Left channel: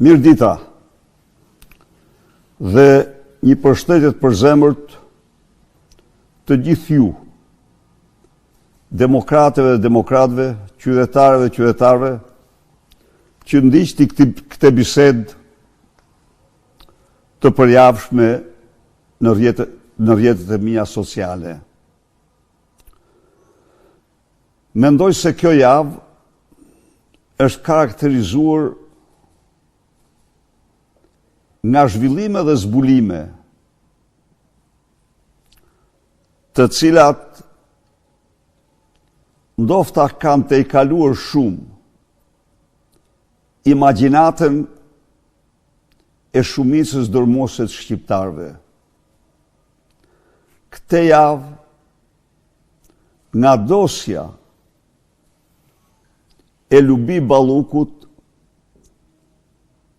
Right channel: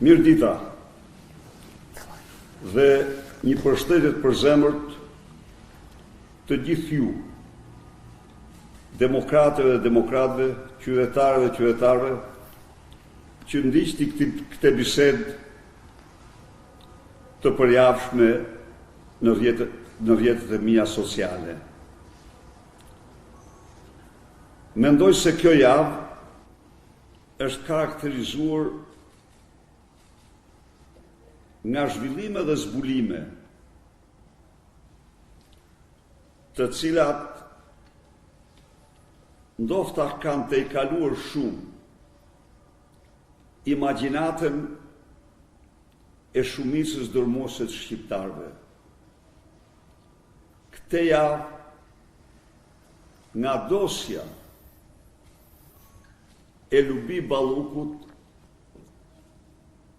Mirë dita dhe një përshëndetje të përzemërt të gjithë ju, demokratëve dhe demokratëve, qytetarëve dhe qytetarëve, që ndiqni këtë bisedë të përjavshme në rrjetet e mia sociale. Mendoj se kjo javë është karakterizuar nga zhvillime dhe zbulime të cilat ndofta kanë të kaluar shumë imagjinatën e shumicës dërmuese të shqiptarëve. Këtë javë, nga dosja e Lubi Ballukut,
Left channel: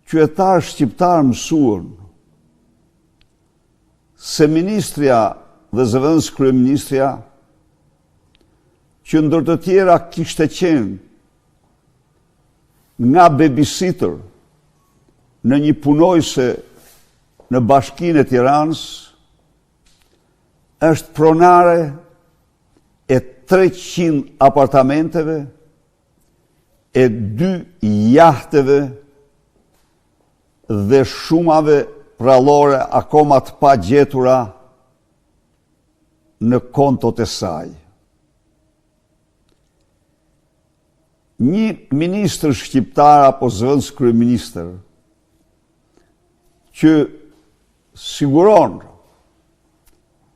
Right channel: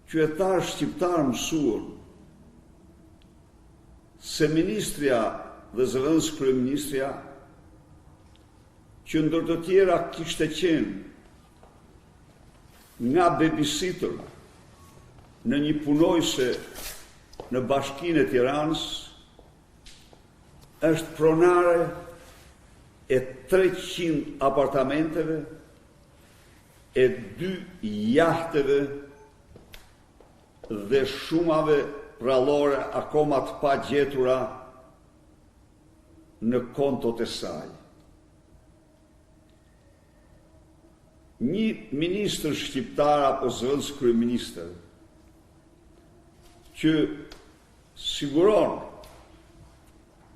qytetarë shqiptarë mësuan se ministrja dhe zëvendës kryeministrja, që ndër të tjera kishte qenë nga babysitter në një punojse në Bashkinë e Tiranës, është pronare e 300 apartamenteve, e 2 jahteve dhe shumave rallore akoma të pa gjetura në kontot e saj. Një ministër shqiptar apo zëvendës kryeministër që siguron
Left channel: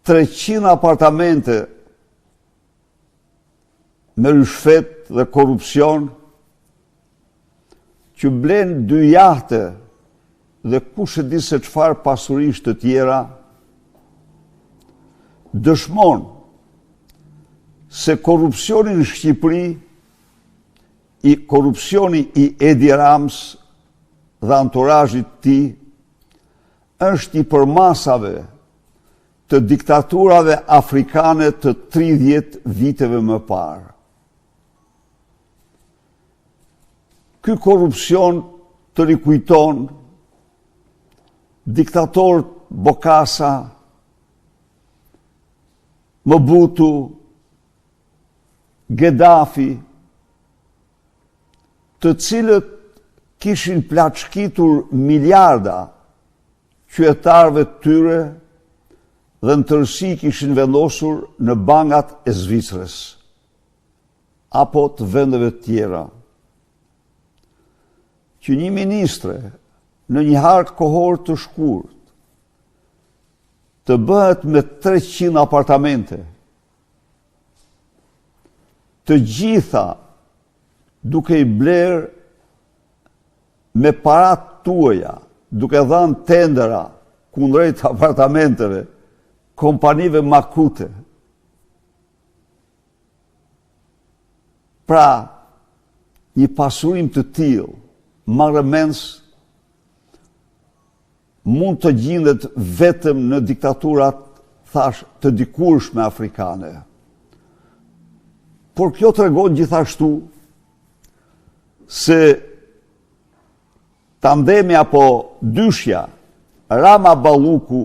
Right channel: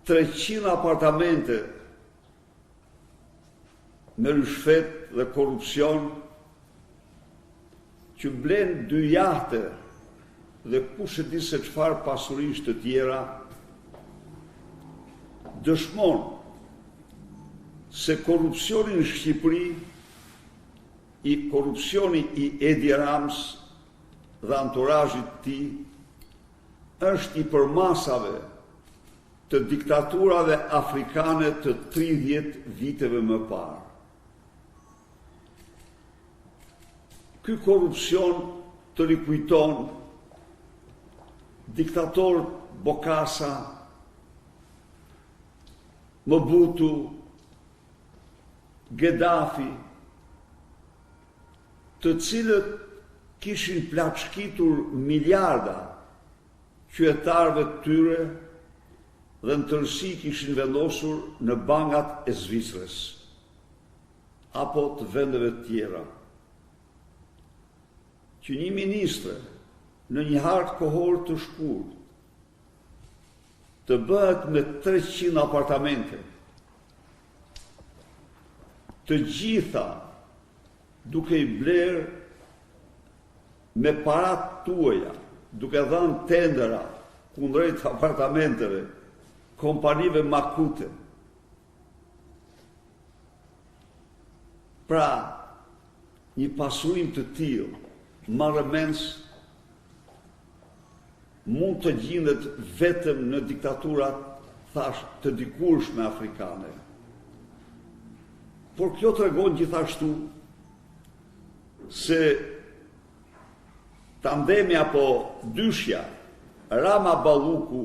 300 apartamente me rishfet dhe korupcion, që blen 2 jahte dhe kush e di se çfarë pasurish të tjera, dëshmon se korupcioni në Shqipëri, korupcioni i Edi Rams dhe anturazhit të tij, është i përmasave të diktaturave afrikane të 30 viteve më parë. Ky korupcion të rikujton diktatorët Bokassa, Mobutu, Gheddafi, të cilët kishin plaçkitur miliarda qytetarëve të tyre dhe në tërësi kishin vendosur në bankat e Zvicrës apo të vendeve të tjera. Që një ministre në një hartë kohor të shkurt të bëhet me 300 apartamente, të gjitha duke i bler me parat tuaja, duke dhënë tendera kundrejt apartamenteve kompanive makute. Pra, një pasurim të tillë marrëmends mund të gjendet vetëm në diktaturat, thash, të dikurshme afrikane. Por kjo tregon gjithashtu se tandemi apo dyshja Rama Balluku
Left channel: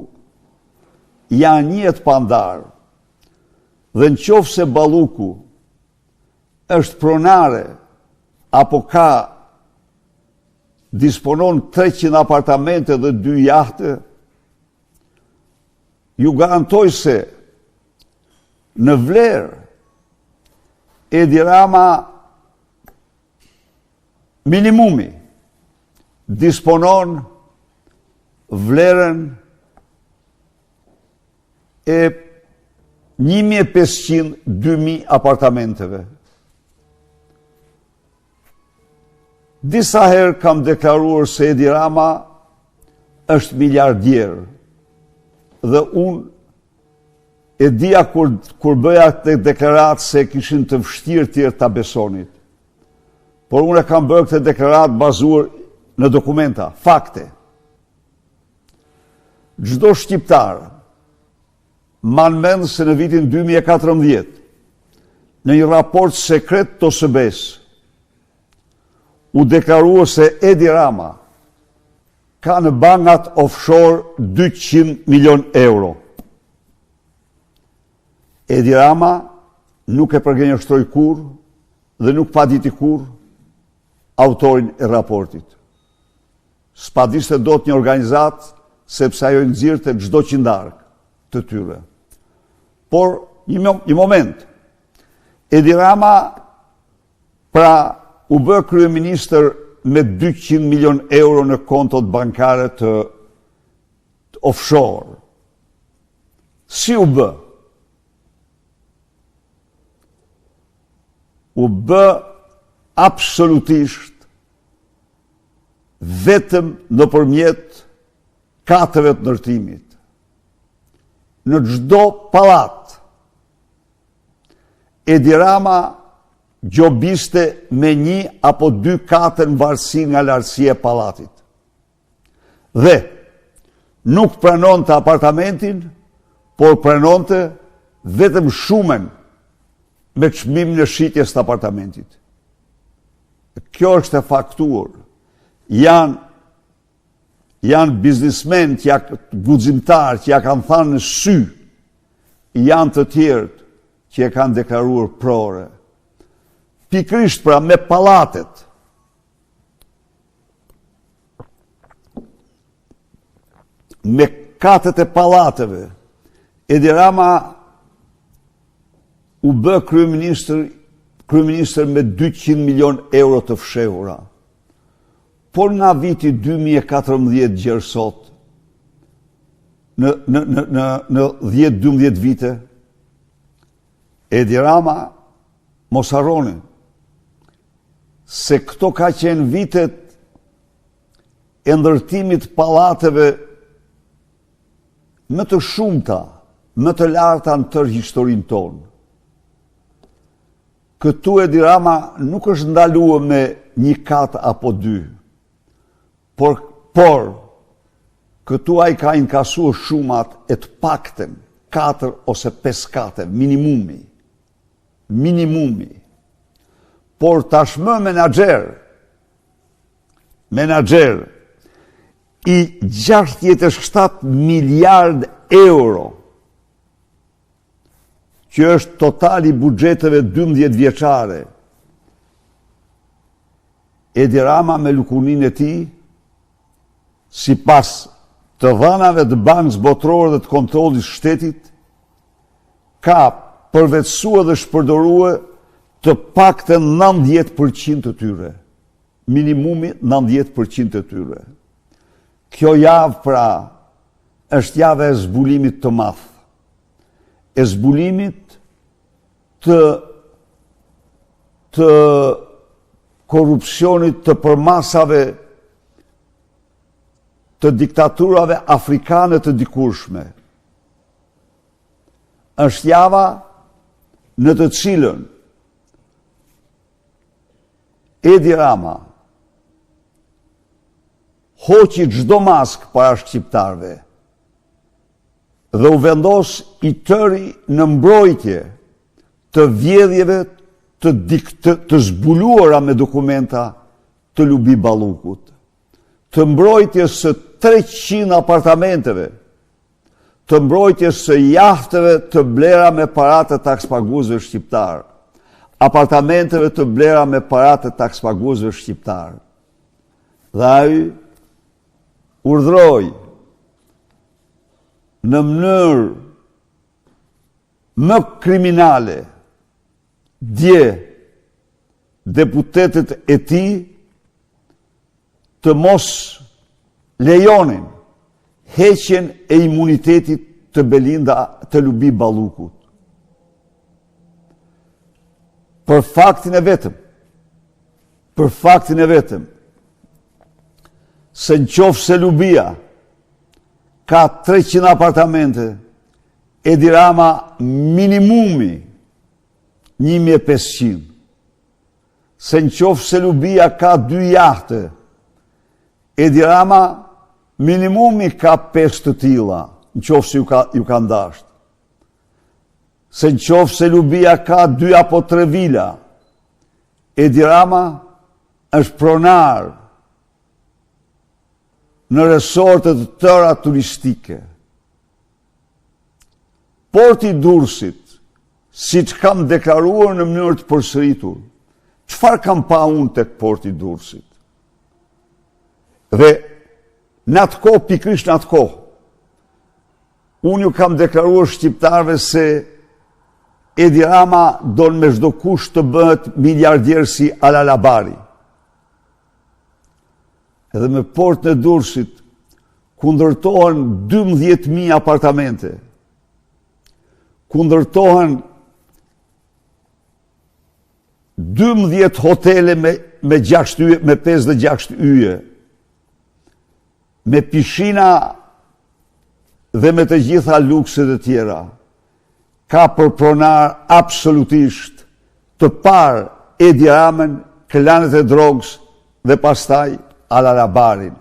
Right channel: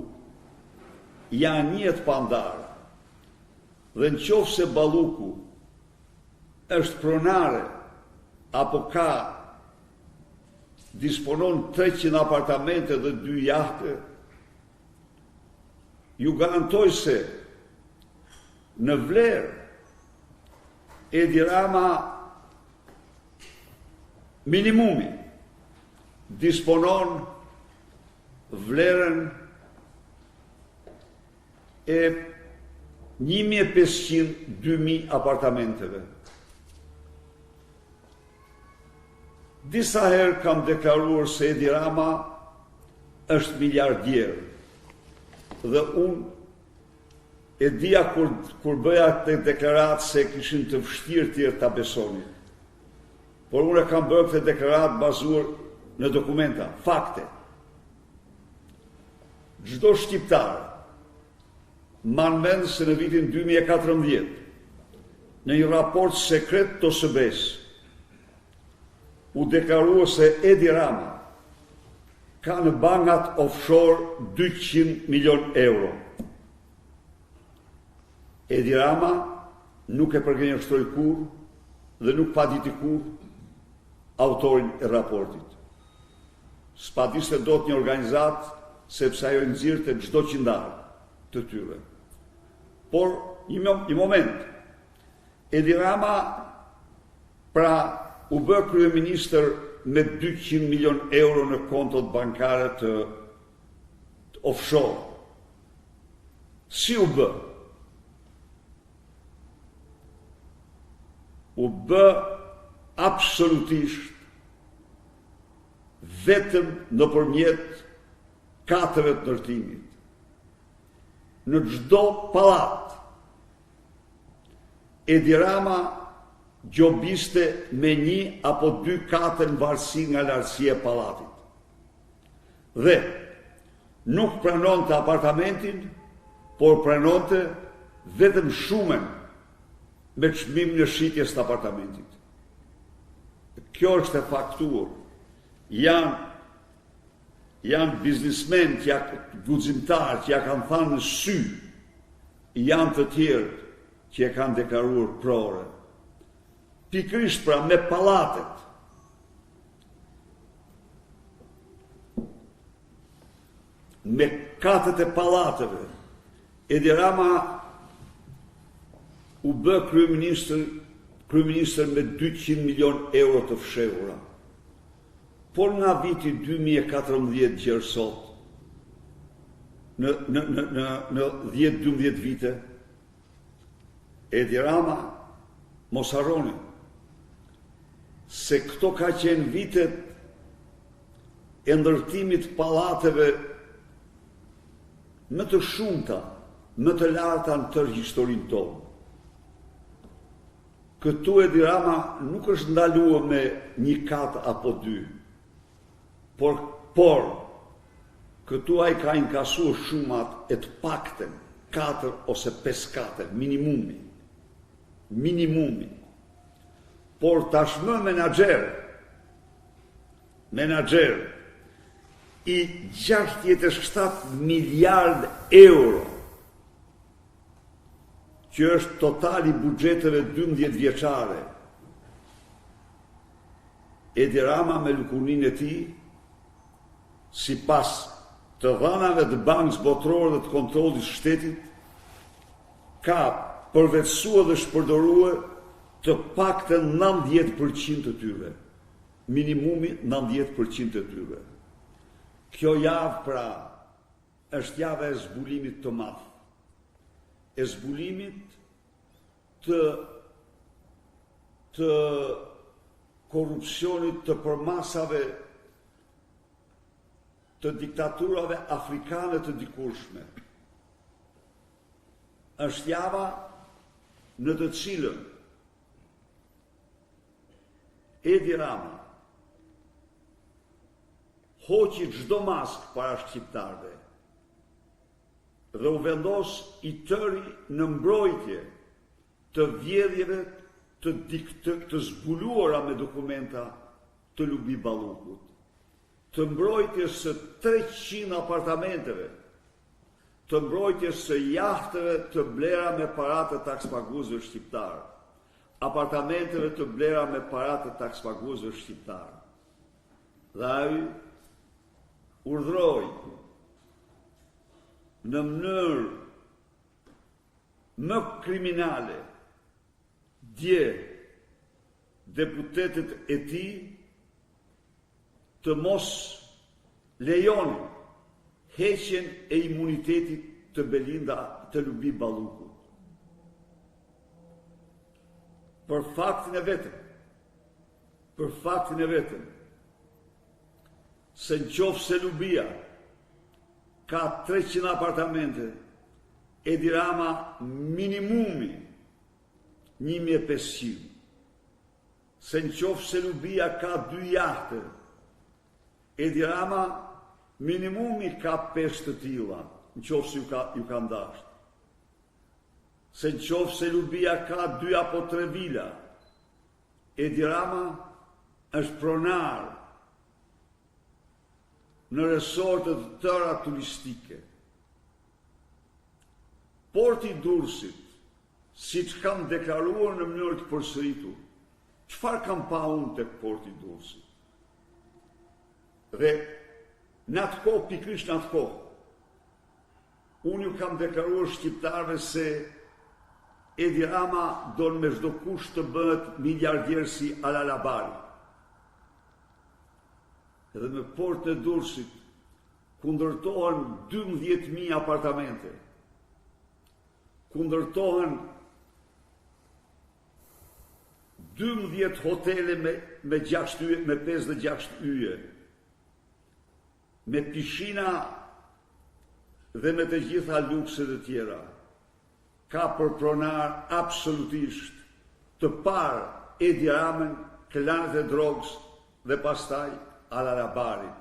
janë njët pandar, dhe në qoftë se Balluku është pronare apo disponon 300 apartamente dhe 2 jahte, ju garantoj se në vlerë Edi Rama minimumi disponon vlerën e 1.500-2.000 apartamenteve. Disa herë kam deklaruar se Edi Rama është miliardier dhe unë e dija kur bëja këtë deklaratë se kishin të vështirë tjerë ta besonit. Por unë e kam bërë këtë deklaratë bazuar në dokumenta, fakte. Çdo shqiptar man mend se në vitin 2014, në një raport sekret të OSBE-s, u deklarua se Edi Rama ka në bankat offshore 200 milion euro. Edi Rama nuk e përgjenjështroi kur dhe nuk pa diti kur autorin e raportit. S'pa dishte dot një organizat, sepse ajo nxirrte çdo qindark të tyre. Por një moment, Edi Rama pra u bë kryeministër me 200 milion euro në kontot bankare të offshore. Si u bë? U bë absolutisht vetëm nëpërmjet katëve të ndërtimit. Në çdo pallat, Edi Rama gjobiste me 1 apo 2 katër në varësi nga lartësia e pallatit. Dhe nuk pranonte apartamentin, por pranonte vetëm shumën me çmim në shitjes të apartamentit. Kjo është e faktuar. Janë biznismen, guximtar, që ja kanë thënë në sy, janë të tjerë që e kanë deklaruar prore. Pikrisht pra me pallatet. Me katët e pallateve, Edi Rama u bë kryeministër me 200 milion euro të fshehura. Por nga viti 2014 gjerë sot, në 10-12 vite, Edi Rama mos harroni se këto ka qenë vitet e ndërtimit pallateve më të shumta, më të larta në tërë historinë tonë. Këtu Edi Rama nuk është ndaluar me 1 kat apo 2, por këtu ai ka inkasuar shumat e të paktën 4 ose 5 kate, minimumi. Por tashmë menaxher i 67 miliard euro, që është totali buxheteve 12 vjeçare. Edi Rama me lukurinë e tij, sipas të dhënave të Bankës Botërore dhe të Kontrollit Shtetit, ka përvetësuar dhe shpërdoruar të paktën 90% të tyre. Minimumi 90% të tyre. Kjo javë pra është javë e zbulimit të madh. E zbulimit të korrupsionit të përmasave të diktaturave afrikane të dikurshme. Është java në të cilën Edi Rama hoqi çdo mask para shqiptarëve dhe u vendos i tëri në mbrojtje të vjedhjeve të zbuluara me dokumenta të Lubi Ballukut, të mbrojtjes së 300 apartamenteve, të mbrojtjes së jahteve të blera me paratë të takspaguesve shqiptar, apartamenteve të blera me paratë të takspaguesve shqiptar. Dhe ai urdhroi në mënyrë më kriminale dje deputetët e tij të mos lejonin heqjen e imunitetit të Belinda të Lubi Ballukut. Për faktin e vetëm, se nëse Lubia ka 300 apartamente, Edi Rama minimumi 1500. Se nëse Lubia ka 2 jahte, Edi Rama minimumi ka 5 të tilla, nëse ju ka ndasht. Se nëse Lubia ka 2 apo 3 vila, Edi Rama është pronar në resortet të tëra turistike. Porti i Durrësit, siç kam deklaruar në mënyrë të përsëritur, çfarë kam pa unë tek porti i Durrësit? Dhe në atë kohë, pikërisht në atë kohë, unë ju kam deklaruar shqiptarëve se Edi Rama don me çdo kusht të bëhet miliardier si Ala Labari. Edhe me portin e Durrësit ku ndërtohen 12.000 apartamente, ku ndërtohen 12 hotele me 5 dhe 6 yje, me pishina dhe me të gjitha lukset e tjera, ka për pronar absolutisht të parë Edi Ramën, klanet e drogës dhe pastaj Ala Labarin.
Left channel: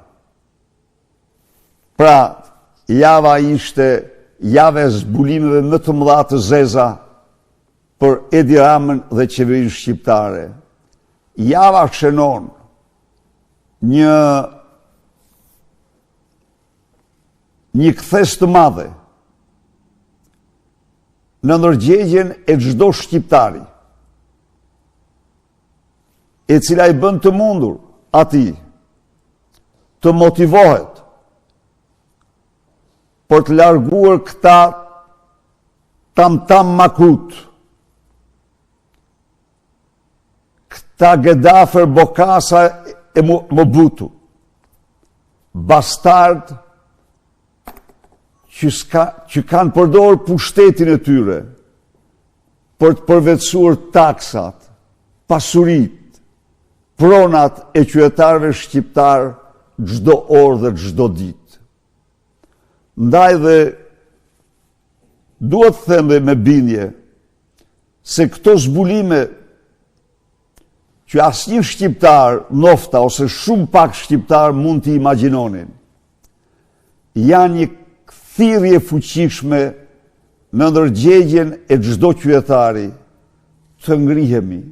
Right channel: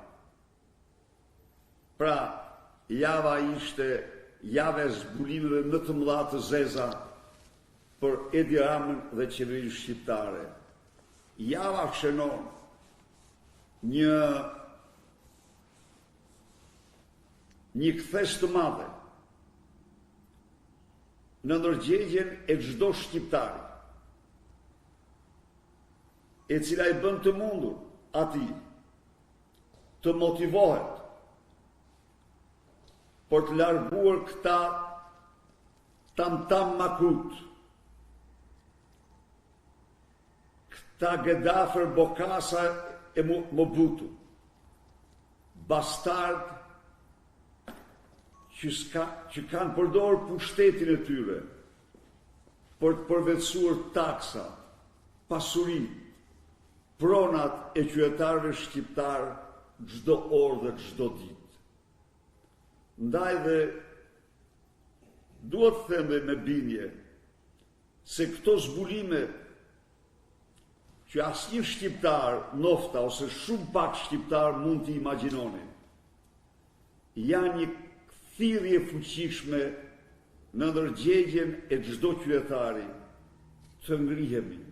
Pra, java ishte jave zbulimeve më të mëdha të zeza për Edi Ramën dhe qeverinë shqiptare. Java shënon një kthes të madhe në ndërgjegjen e çdo shqiptari, e cila i bën të mundur atij të motivohet për të larguar këta tam makrut, këta Gedafer, Bokasa e Mobutu, bastard që kanë përdorur pushtetin e tyre për të përvetësuar taksat, pasurit, pronat e qytetarëve shqiptar çdo orë dhe çdo ditë. Ndaj dhe duhet të them dhe me bindje se këto zbulime që asnjë shqiptar, nofta ose shumë pak shqiptar mund t'i imagjinonin, janë një thirrje fuqishme në ndërgjegjen e çdo qytetari të ngrihemi,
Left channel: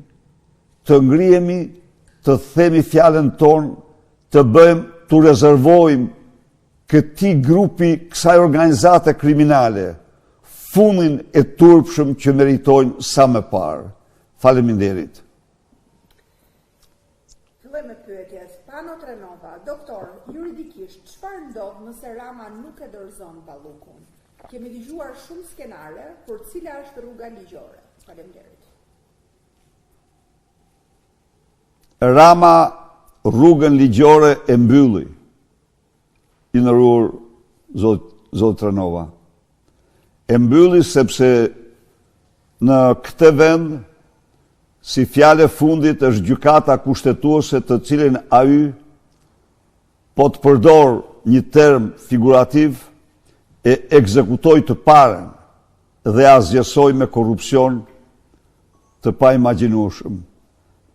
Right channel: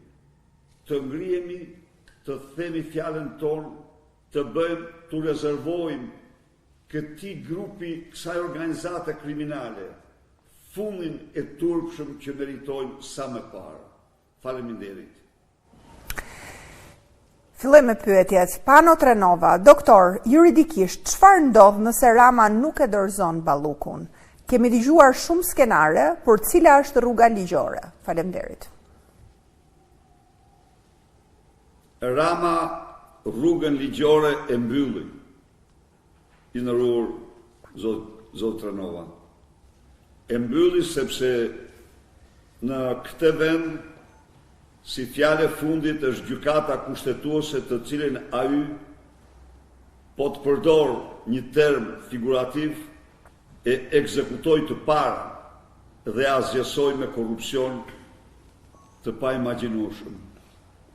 të themi fjalën tonë, të bëjmë, të rezervojmë këtij grupi, kësaj organizate kriminale, fundin e turpshëm që meritojnë sa më parë. Faleminderit. Filloj me pyetjet. Pano Trenova, doktor, juridikisht, çfarë ndodh nëse Rama nuk e dorëzon Ballukun? Kemi dëgjuar shumë skenare, por cila është rruga ligjore? Faleminderit. Rama rrugën ligjore e mbylli, i nderuar zot Trenova. E mbylli sepse në këtë vend, si fjale fundit, është gjykata kushtetuese, të cilën ai po të përdor një term figurativ, e ekzekutoi të parën dhe asgjësoi me korrupsion të paimagjinueshëm.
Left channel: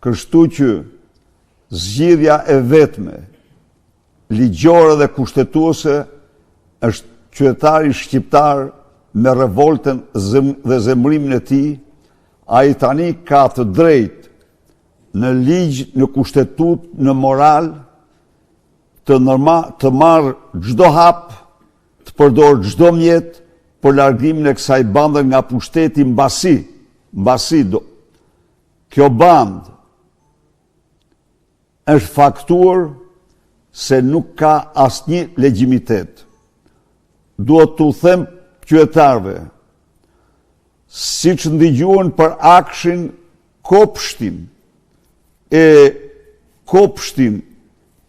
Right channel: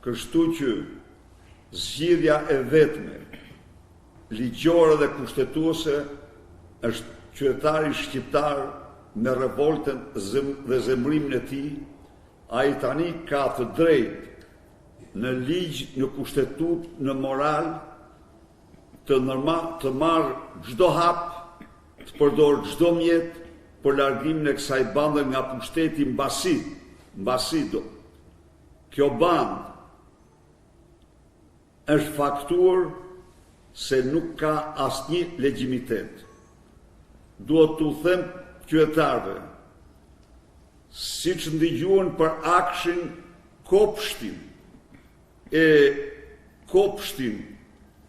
Kështu që zgjidhja e vetme, ligjore dhe kushtetuese, është qytetari shqiptar me revoltën dhe zemrimin e tij. Ai tani ka të drejtë në ligj, në kushtetut, në moral, të marrë çdo hap, të përdor çdo mjet për largimin e kësaj bande nga pushteti mbasi kjo bandë është faktuar se nuk ka asnjë legjitimitet. Duhet t'u them qytetarëve, siç ndigjuan për akshin kopshtin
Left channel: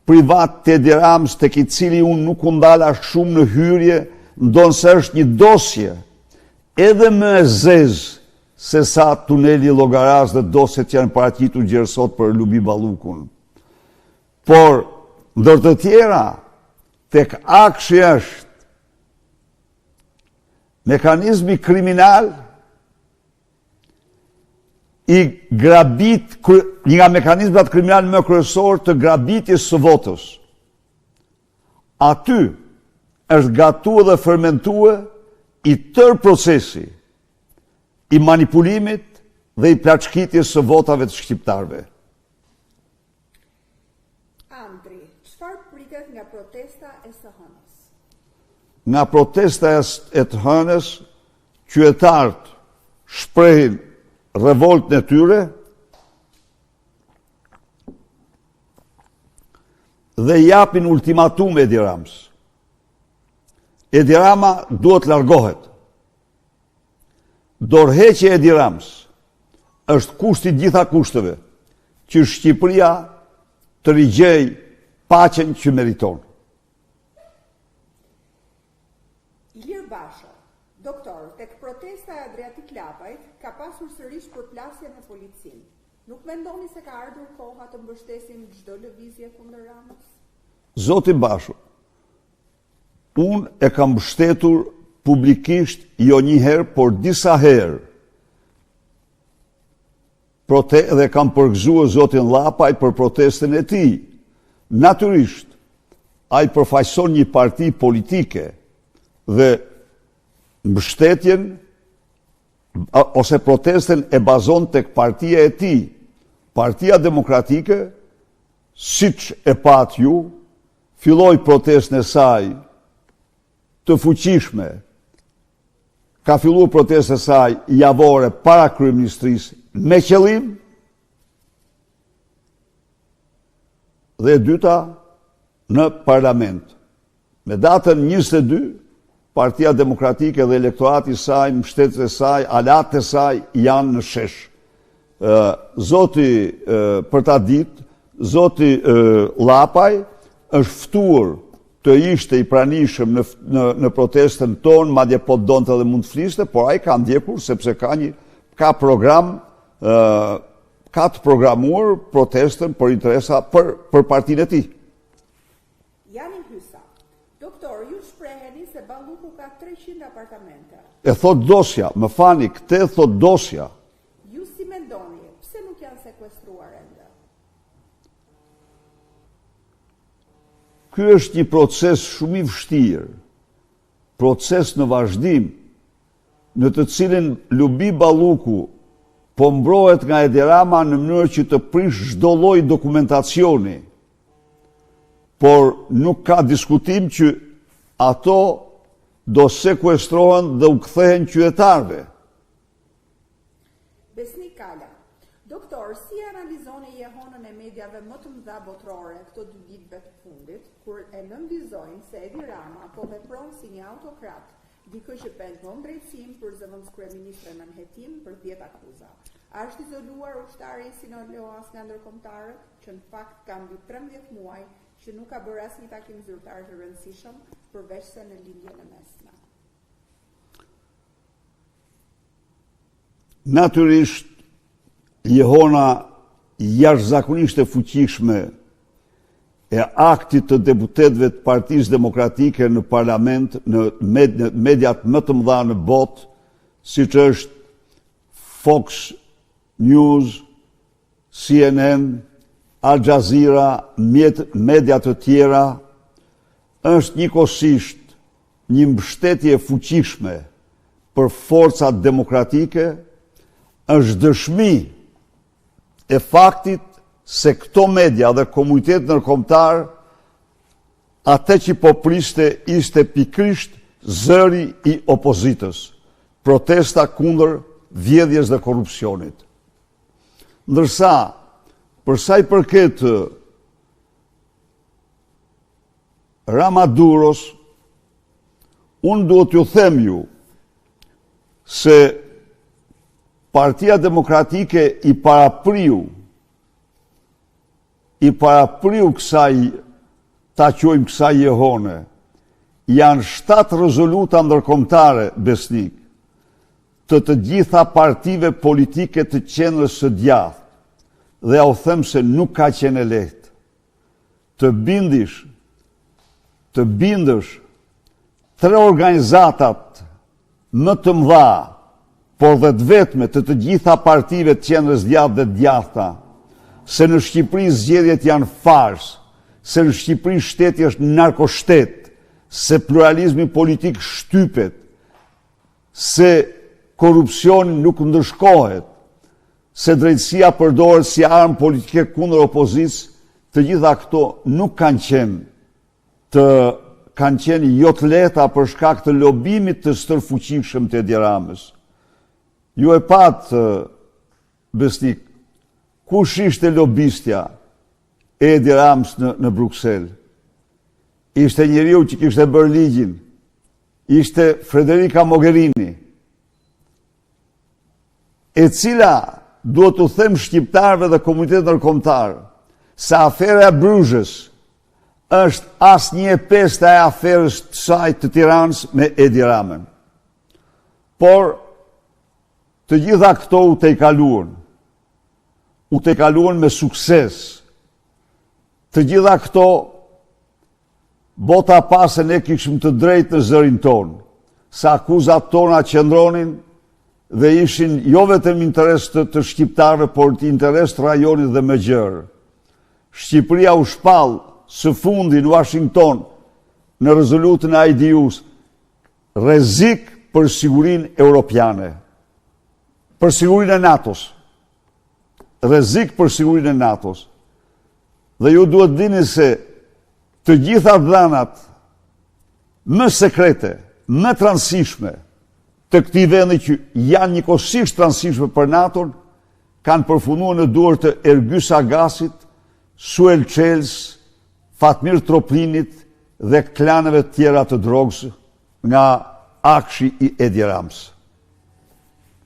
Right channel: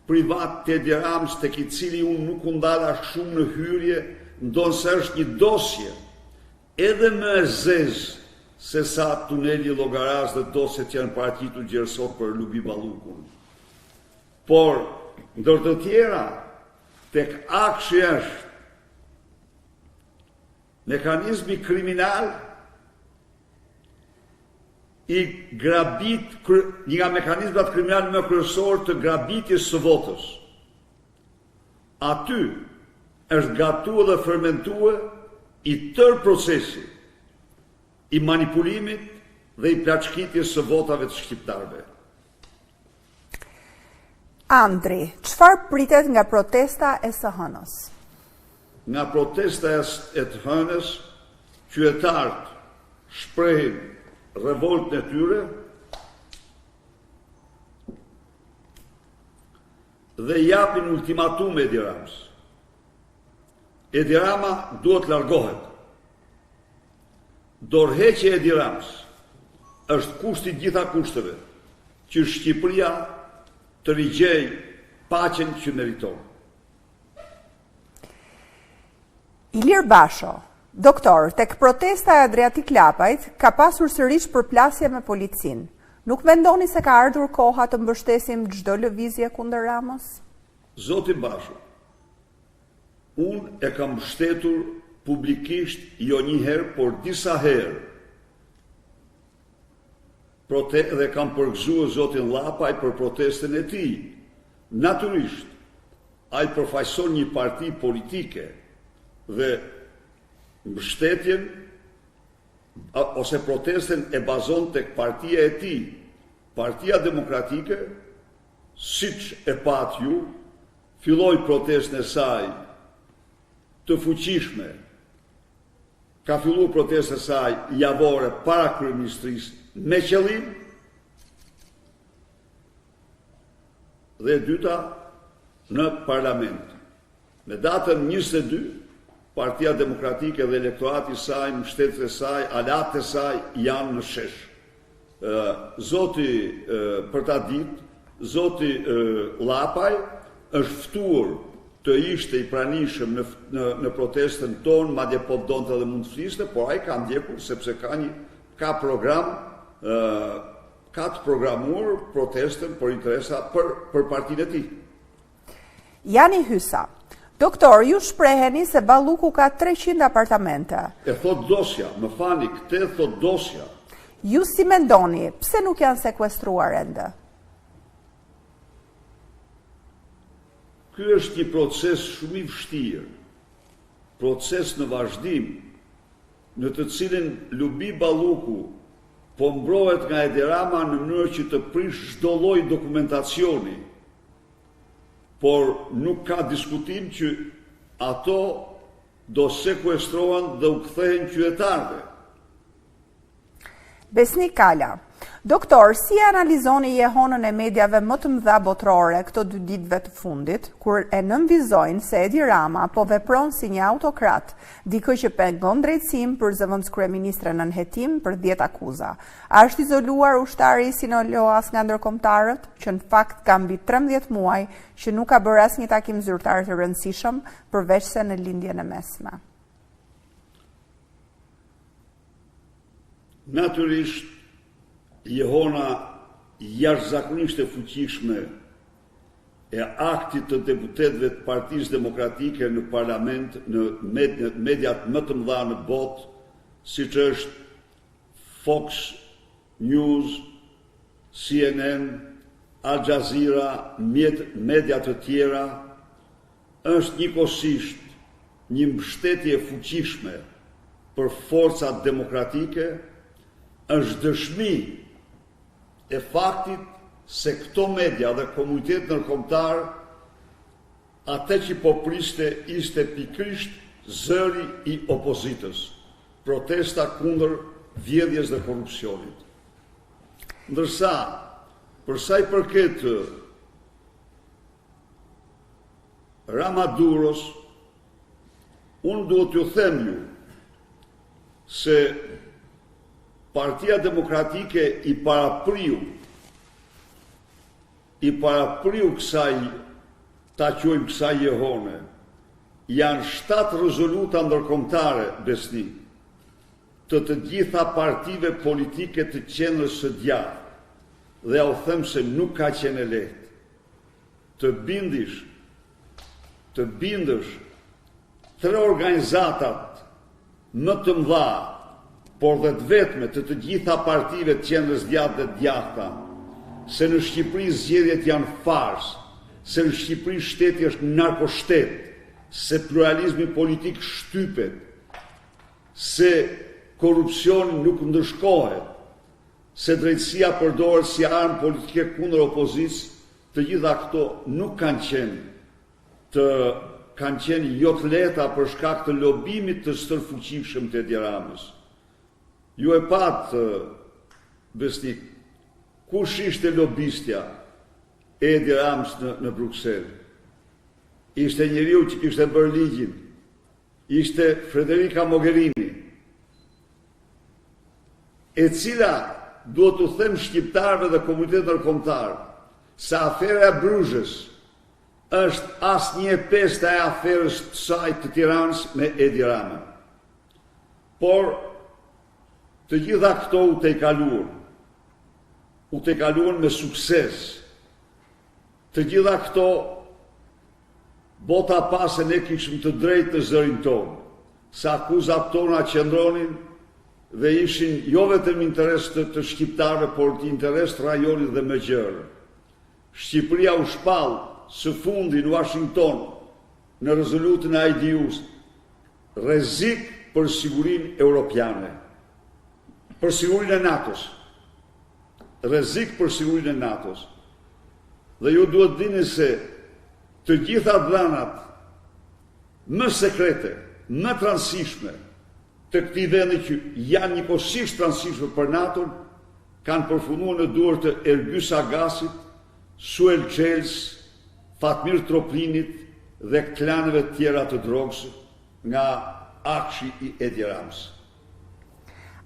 privat të Edi Ramës, tek i cili unë nuk u ndala shumë në hyrje, ndonë se është një dosje edhe më e zezë se sa tuneli Llogaras dhe dosjet që janë paraqitur gjerësot për Lubi Ballukun. Por, ndër të tjera, tek akshi është mekanizmi kriminal një nga mekanizmat kriminal më kryesor të grabitjes së votës. Aty është gatuar dhe fermentuar i tërë procesi i manipulimit dhe i plaçkitjes së votave të shqiptarëve. Andri, çfarë pritet nga protesta e së hënës? Nga protesta e të hënës, qytetarët shprehin revoltën e tyre dhe japin ultimatum Edi Ramës. Edi Rama duhet largohet. Dorëheqja e Edi Ramës është kushti gjitha kushteve që Shqipëria të rigjej paqen që meriton. Ilir Basho, doktor, tek protesta e Adriatik Lapajt ka pasur sërish përplasje me policin. Nuk mendoni se ka ardhur koha të mbështesim çdo lëvizje kundër Ramës? Zoti Basho, unë e kam mbështetur publikisht jo një herë, por disa herë. Dhe kam përgëzuar zotin Llapaj për protestën e tij. Natyrisht, ai përfaqëson një parti politike dhe mbështetjen ose protestën e bazon tek partia e tij. Partia Demokratike, siç e pat ju, filloi protestën e saj të fuqishme. Ka filluar protestën e saj javore para kryeministrisë me qëllim, dhe e dyta në parlament. Me datën 22, Partia Demokratike dhe elektorati i saj, mbështetësit e saj, alatë e saj janë në shesh. Zoti për ta ditë, zoti Llapaj është ftuar të ishte i pranishëm në protestën tonë, madje po donte dhe mund të fliste, por ai ka ndjekur sepse ka program, ka të programuar protestën për interesa për partinë e tij. Jani Hysa, doktor, ju shpreheni se Balluku ka 300 apartamente. E thot dosja, më fani, këtë thot dosja. Ju si mendoni, pse nuk janë sekuestruar ende? Ky është një proces shumë i vështirë, proces në vazhdim, në të cilin Lubi Balluku po mbrohet nga Edi Rama në mënyrë që të prish çdo lloj dokumentacioni, por nuk ka diskutim që ato do sekuestrohen dhe u kthehen qytetarëve. Besnik Kala, doktor, si analizoni jehonën e mediave më të mëdha botërore këto 2 ditëve të fundit, kur e nënvizojnë se Edi Rama po vepron si një autokrat, dikë që pengon drejtësim për zëvendës kryeministre në nënhetim për 10 akuza. A është izoluar ushtari Sinaloas nga ndërkombëtarët, që në fakt ka mbi 13 muaj që nuk ka bërë asnjë takim zyrtar të rëndësishëm përveç se në lindjen e mesme? Natyrisht, jehona jashtëzakonisht e fuqishme e aktit të deputetëve të Partisë Demokratike në parlament, në mediat më të mëdha në botë, siç është Fox News, CNN, Al Jazeera, media të tjera, është njëkohësisht një mbështetje fuqishme për forcat demokratike, është dëshmi e faktit se këto media dhe komunitet ndërkombëtar, atë që po priste ishte pikrisht zëri i opozitës, protesta kundër vjedhjes dhe korrupsionit. Ndërsa, për sa i përket Ramaduros, unë duhet t'ju them ju se Partia Demokratike i parapriu kësaj, ta quajmë kësaj jehone, janë 7 rezoluta ndërkombëtare, Besnik, të gjitha partive politike të qendrës së djathtë, dhe ja u them se nuk ka qenë lehtë. Të bindësh 3 organizatat më të mëdha, por dhe të vetme të gjitha partive të qendrës djathtë dhe djathta, se në Shqipëri zgjedhjet janë fars, se në Shqipëri shteti është narkoshtet, se pluralizmi politik shtypet, se korrupsioni nuk ndërshkohet, se drejtësia përdoret si armë politike kundër opozicës, të gjitha këto nuk kanë qenë jo të lehta për shkak të lobimit të stërfuqishëm të Edi Ramës. Ju e patë, Besnik, kush ishte lobistja e Edi Ramës në Bruxelles? Ishte njeriu që kishte bërë ligjin, ishte Federica Mogherini, e cila duhet të them shqiptarëve dhe komunitetit ndërkombëtar se afera e Bruges është asnjë pjesë e aferës të saj të Tiranës me Edi Ramën. Por të gjitha këto u te kaluan me sukses. Të gjitha këto bota pasë ne kishim të drejtë në zërin tonë, sa akuzat tona qëndronin dhe ishin jo vetëm interes të shqiptarëve, por të interes të rajonit dhe më gjërë. Shqipëria u shpall së fundi në Washington në rezolutën e IDU-s, rrezik për sigurinë europiane, për sigurinë e NATO-s. Rrezik për sigurinë e NATO-s. Dhe ju duhet dini se të gjitha dhënat më sekrete, më të rëndësishme të këtij vendi që janë njëkohësisht të rëndësishme për NATO-n, kanë përfunduar në duar të Ergys Agasit, Suel Çels, Fatmir Troplinit dhe klaneve tjera të drogës nga akshi i Edi Ramës.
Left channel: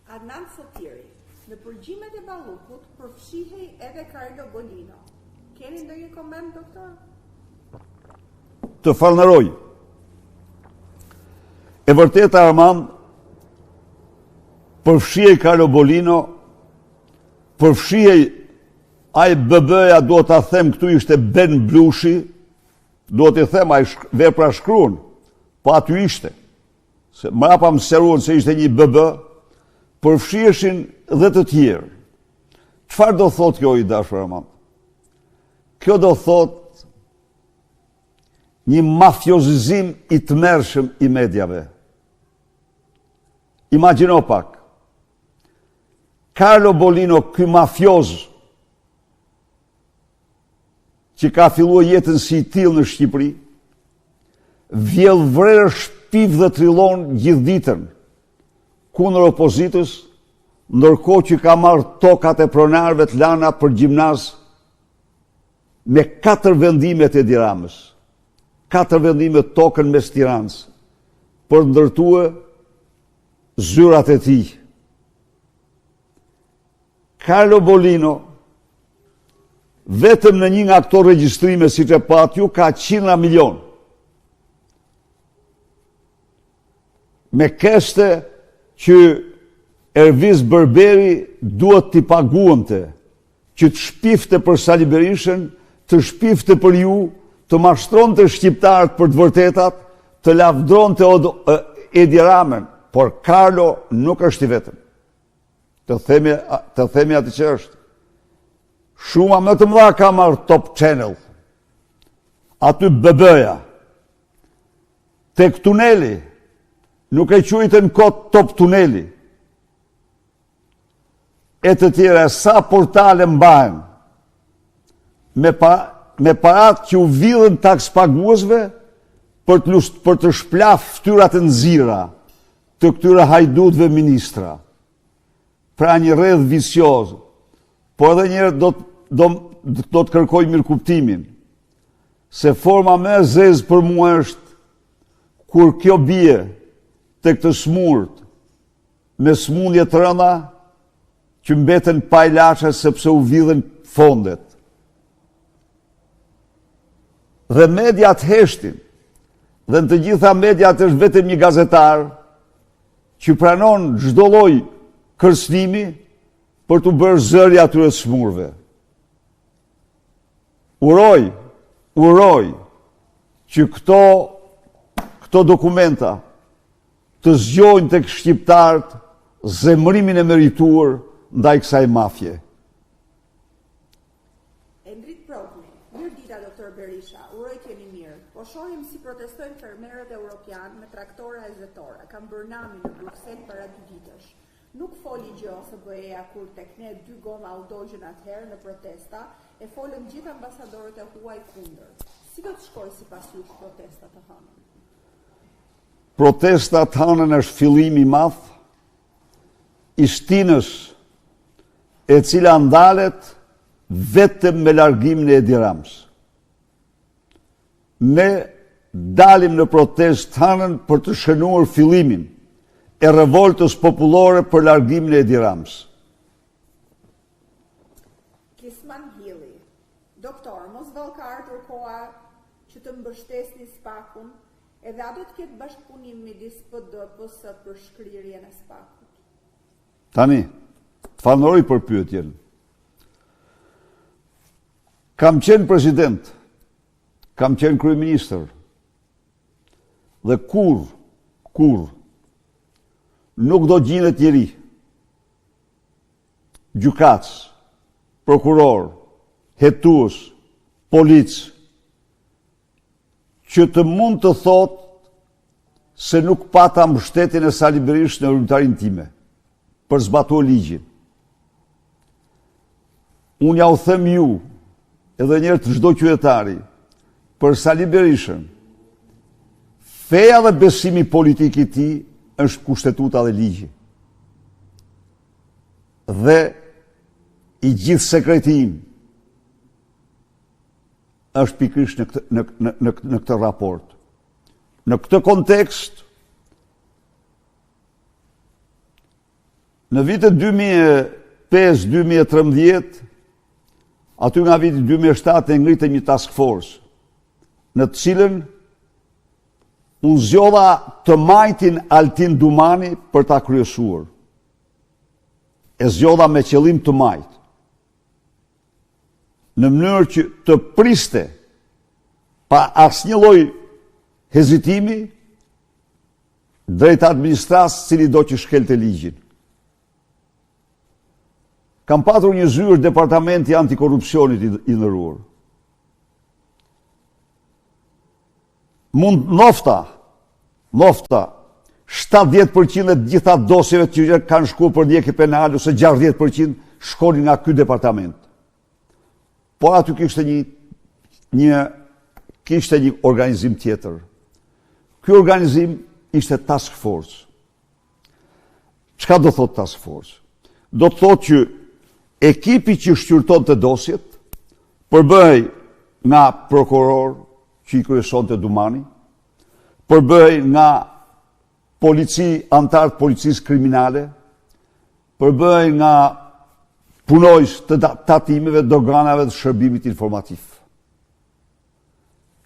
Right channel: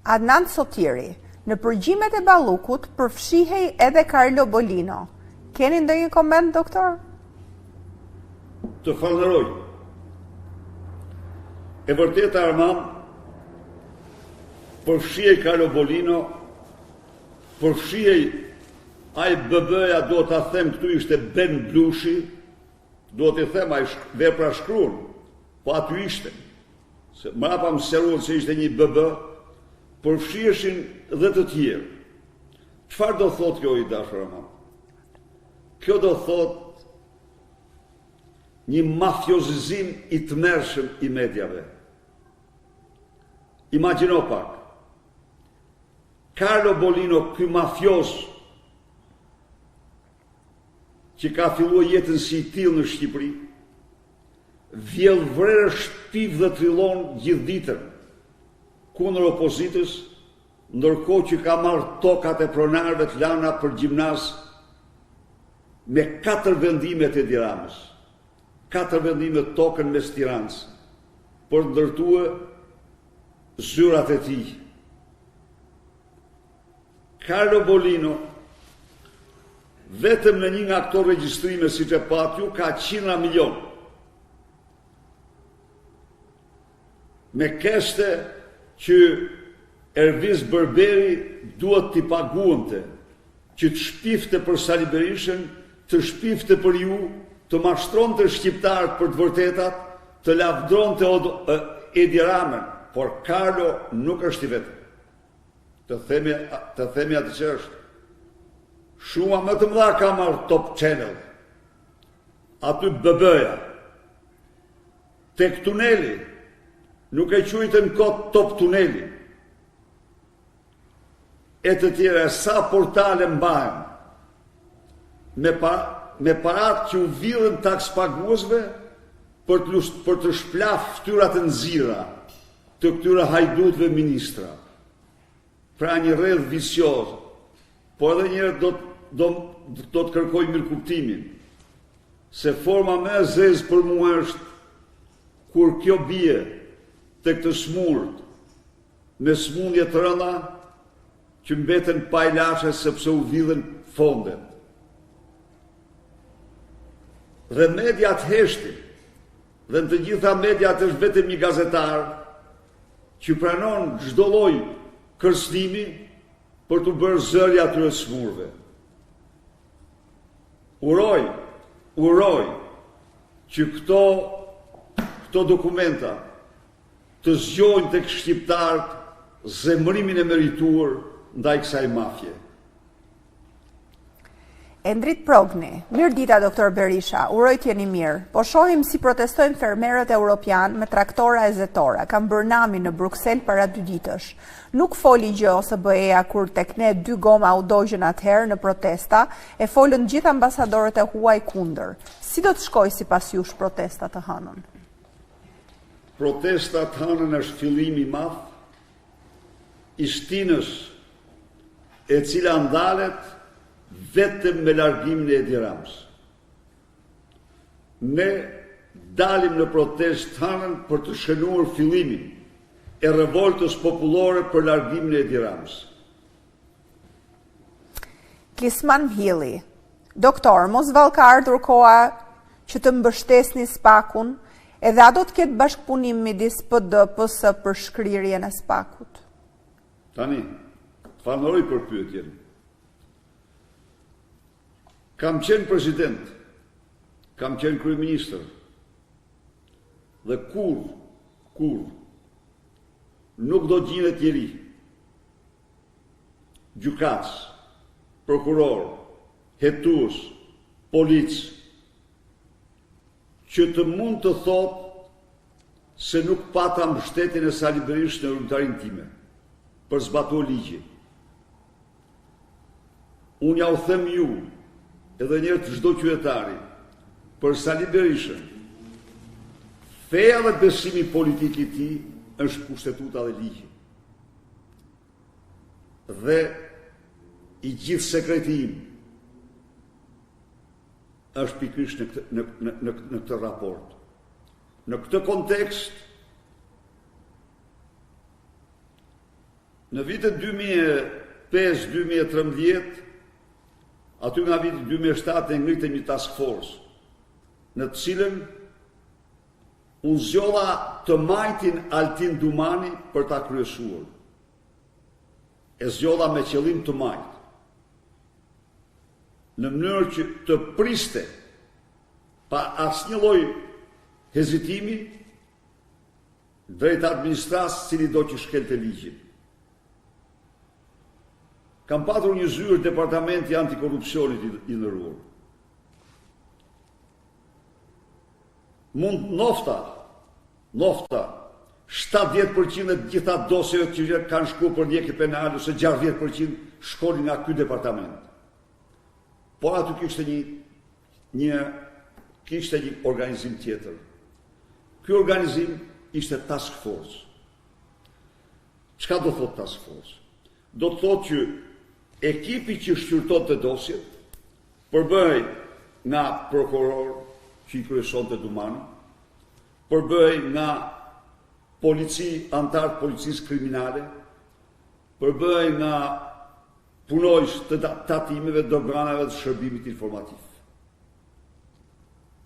Adnan Sotiri, në përgjimet e Ballukut përfshihej edhe Carlo Bolino. Keni ndonjë koment, doktor? Të falënderoj. E vërtetë, Armand, përfshihej Carlo Bolino, përfshihej ai BB-ja, do ta them këtu ishte Ben Blushi, do t'i them ai vepra shkruan, po aty ishte. Se mrapa më seruan se ishte një BB, përfshiheshin dhe të tjerë. Çfarë do thotë kjo, i dashur Armand? Kjo do thotë një mafiozizim i tmerrshëm i mediave. Imagjino pak. Carlo Bolino, ky mafioz që ka filluar jetën si i tillë në Shqipëri, vjell vrerë, shpiv dhe trillon gjithë ditën kundër opozitës, ndërkohë që ka marrë tokat e pronarëve të lana për gjimnaz me 4 vendime të Edi Ramës. 4 vendime tokën mes Tiranës për ndërtuar zyrat e tij. Carlo Bolino, vetëm në një nga këto regjistrime, siç e pat ju, ka 100 milion. Me keste që Erviz Berberi duhet t'i paguante, që të shpifte për Sali Berishën, të shpifte për ju, të mashtronte shqiptarët për të vërtetat, të lavdronte Edi Ramën, por Carlo nuk është i vetëm. Të themi atë që është. Shuma më të mëdha ka marrë Top Channel. Aty BB-ja. Tek tuneli, nuk e quajtën kot Top Tuneli. E të tjera, sa portale mbahen me parat që u vidhen taks paguesve për të shplaf ftyrat e nxira të këtyre hajdutëve ministra. Pra një rreth vicioz. Po edhe njërë do të kërkoj mirëkuptimin, se forma më e zezë për mua është kur kjo bie të këtë smurt me smundje të rënda që mbeten pa ilaçe sepse u vidhen fondet. Dhe mediat heshtin, dhe në të gjitha mediat është vetëm një gazetar që pranon çdo lloj kërcënimi për të bërë zëri atyre smurve. Uroj që këto dokumenta të zgjojnë tek shqiptarët zemërimin e merituar ndaj kësaj mafje. Endrit Progni, mirë dita doktor Berisha, uroj t'jeni mirë, po shohim si protestojnë fermerët europian me traktora e zetora, kam bërë nami në Bruksel para 2 ditësh. Nuk foli gjë OSBE-ja kur tek ne 2 goma u dogjën atëherë në protesta, e folën gjithë ambasadorët e huaj kundër. Si do të shkoj sipas jush protesta të hënën? Protesta të hënën është fillim i madh i shtinës e cila ndalet vetëm me largimin e Edi Ramës. Ne dalim në protestë të hënën për të shënuar fillimin e revoltës popullore për largimin e Edi Ramës. Klisman Mhili, doktor, mos vallë ka ardhur koha që të mbështesni SPAK-un, edhe a do të ketë bashkëpunim midis PD-PS për shkrirjen e SPAK-ut? Tani, të falenderoj për pyetjen. Kam qenë president, kam qenë kryeministër, dhe kur nuk do gjinet njeri, gjykatës, prokuror, hetues, polic, që të mund të thot se nuk pata mbështetjen e Sali Berishës në rrymtarin time, për zbatuar ligji. Unë ja u them ju, edhe njerë të çdo qytetari, për Sali Berishën, feja dhe besimi politik i tij është kushtetuta dhe ligji. Dhe i gjithë sekreti im është pikërisht në këtë raport. Në këtë kontekst, në vitet 2005-2013, aty nga viti 2007 e ngritëm një task force, në të cilën unë zgjodha të majtin Altin Dumani për ta kryesuar. E zgjodha me qëllim të majt. Në mënyrë që të priste pa asnjë lloj hezitimi drejt administratës cili do që shkelte ligjin. Kam patur një zyrë departamenti antikorrupsionit i ndëruar. Mund nofta 70% e gjitha dosjeve që kanë shkuar për ndjekje penale ose 60% shkonin nga ky departament. Po aty kishte një organizim tjetër. Ky organizim ishte task force. Çka do thot task force? Do të thotë që ekipi që shqyrtonte dosjet përbëhej nga prokuror që i kryesonte Dumani, përbëhej nga antarë të policisë kriminale, përbëhej nga punojës të tatimeve, doganave dhe shërbimit informativ.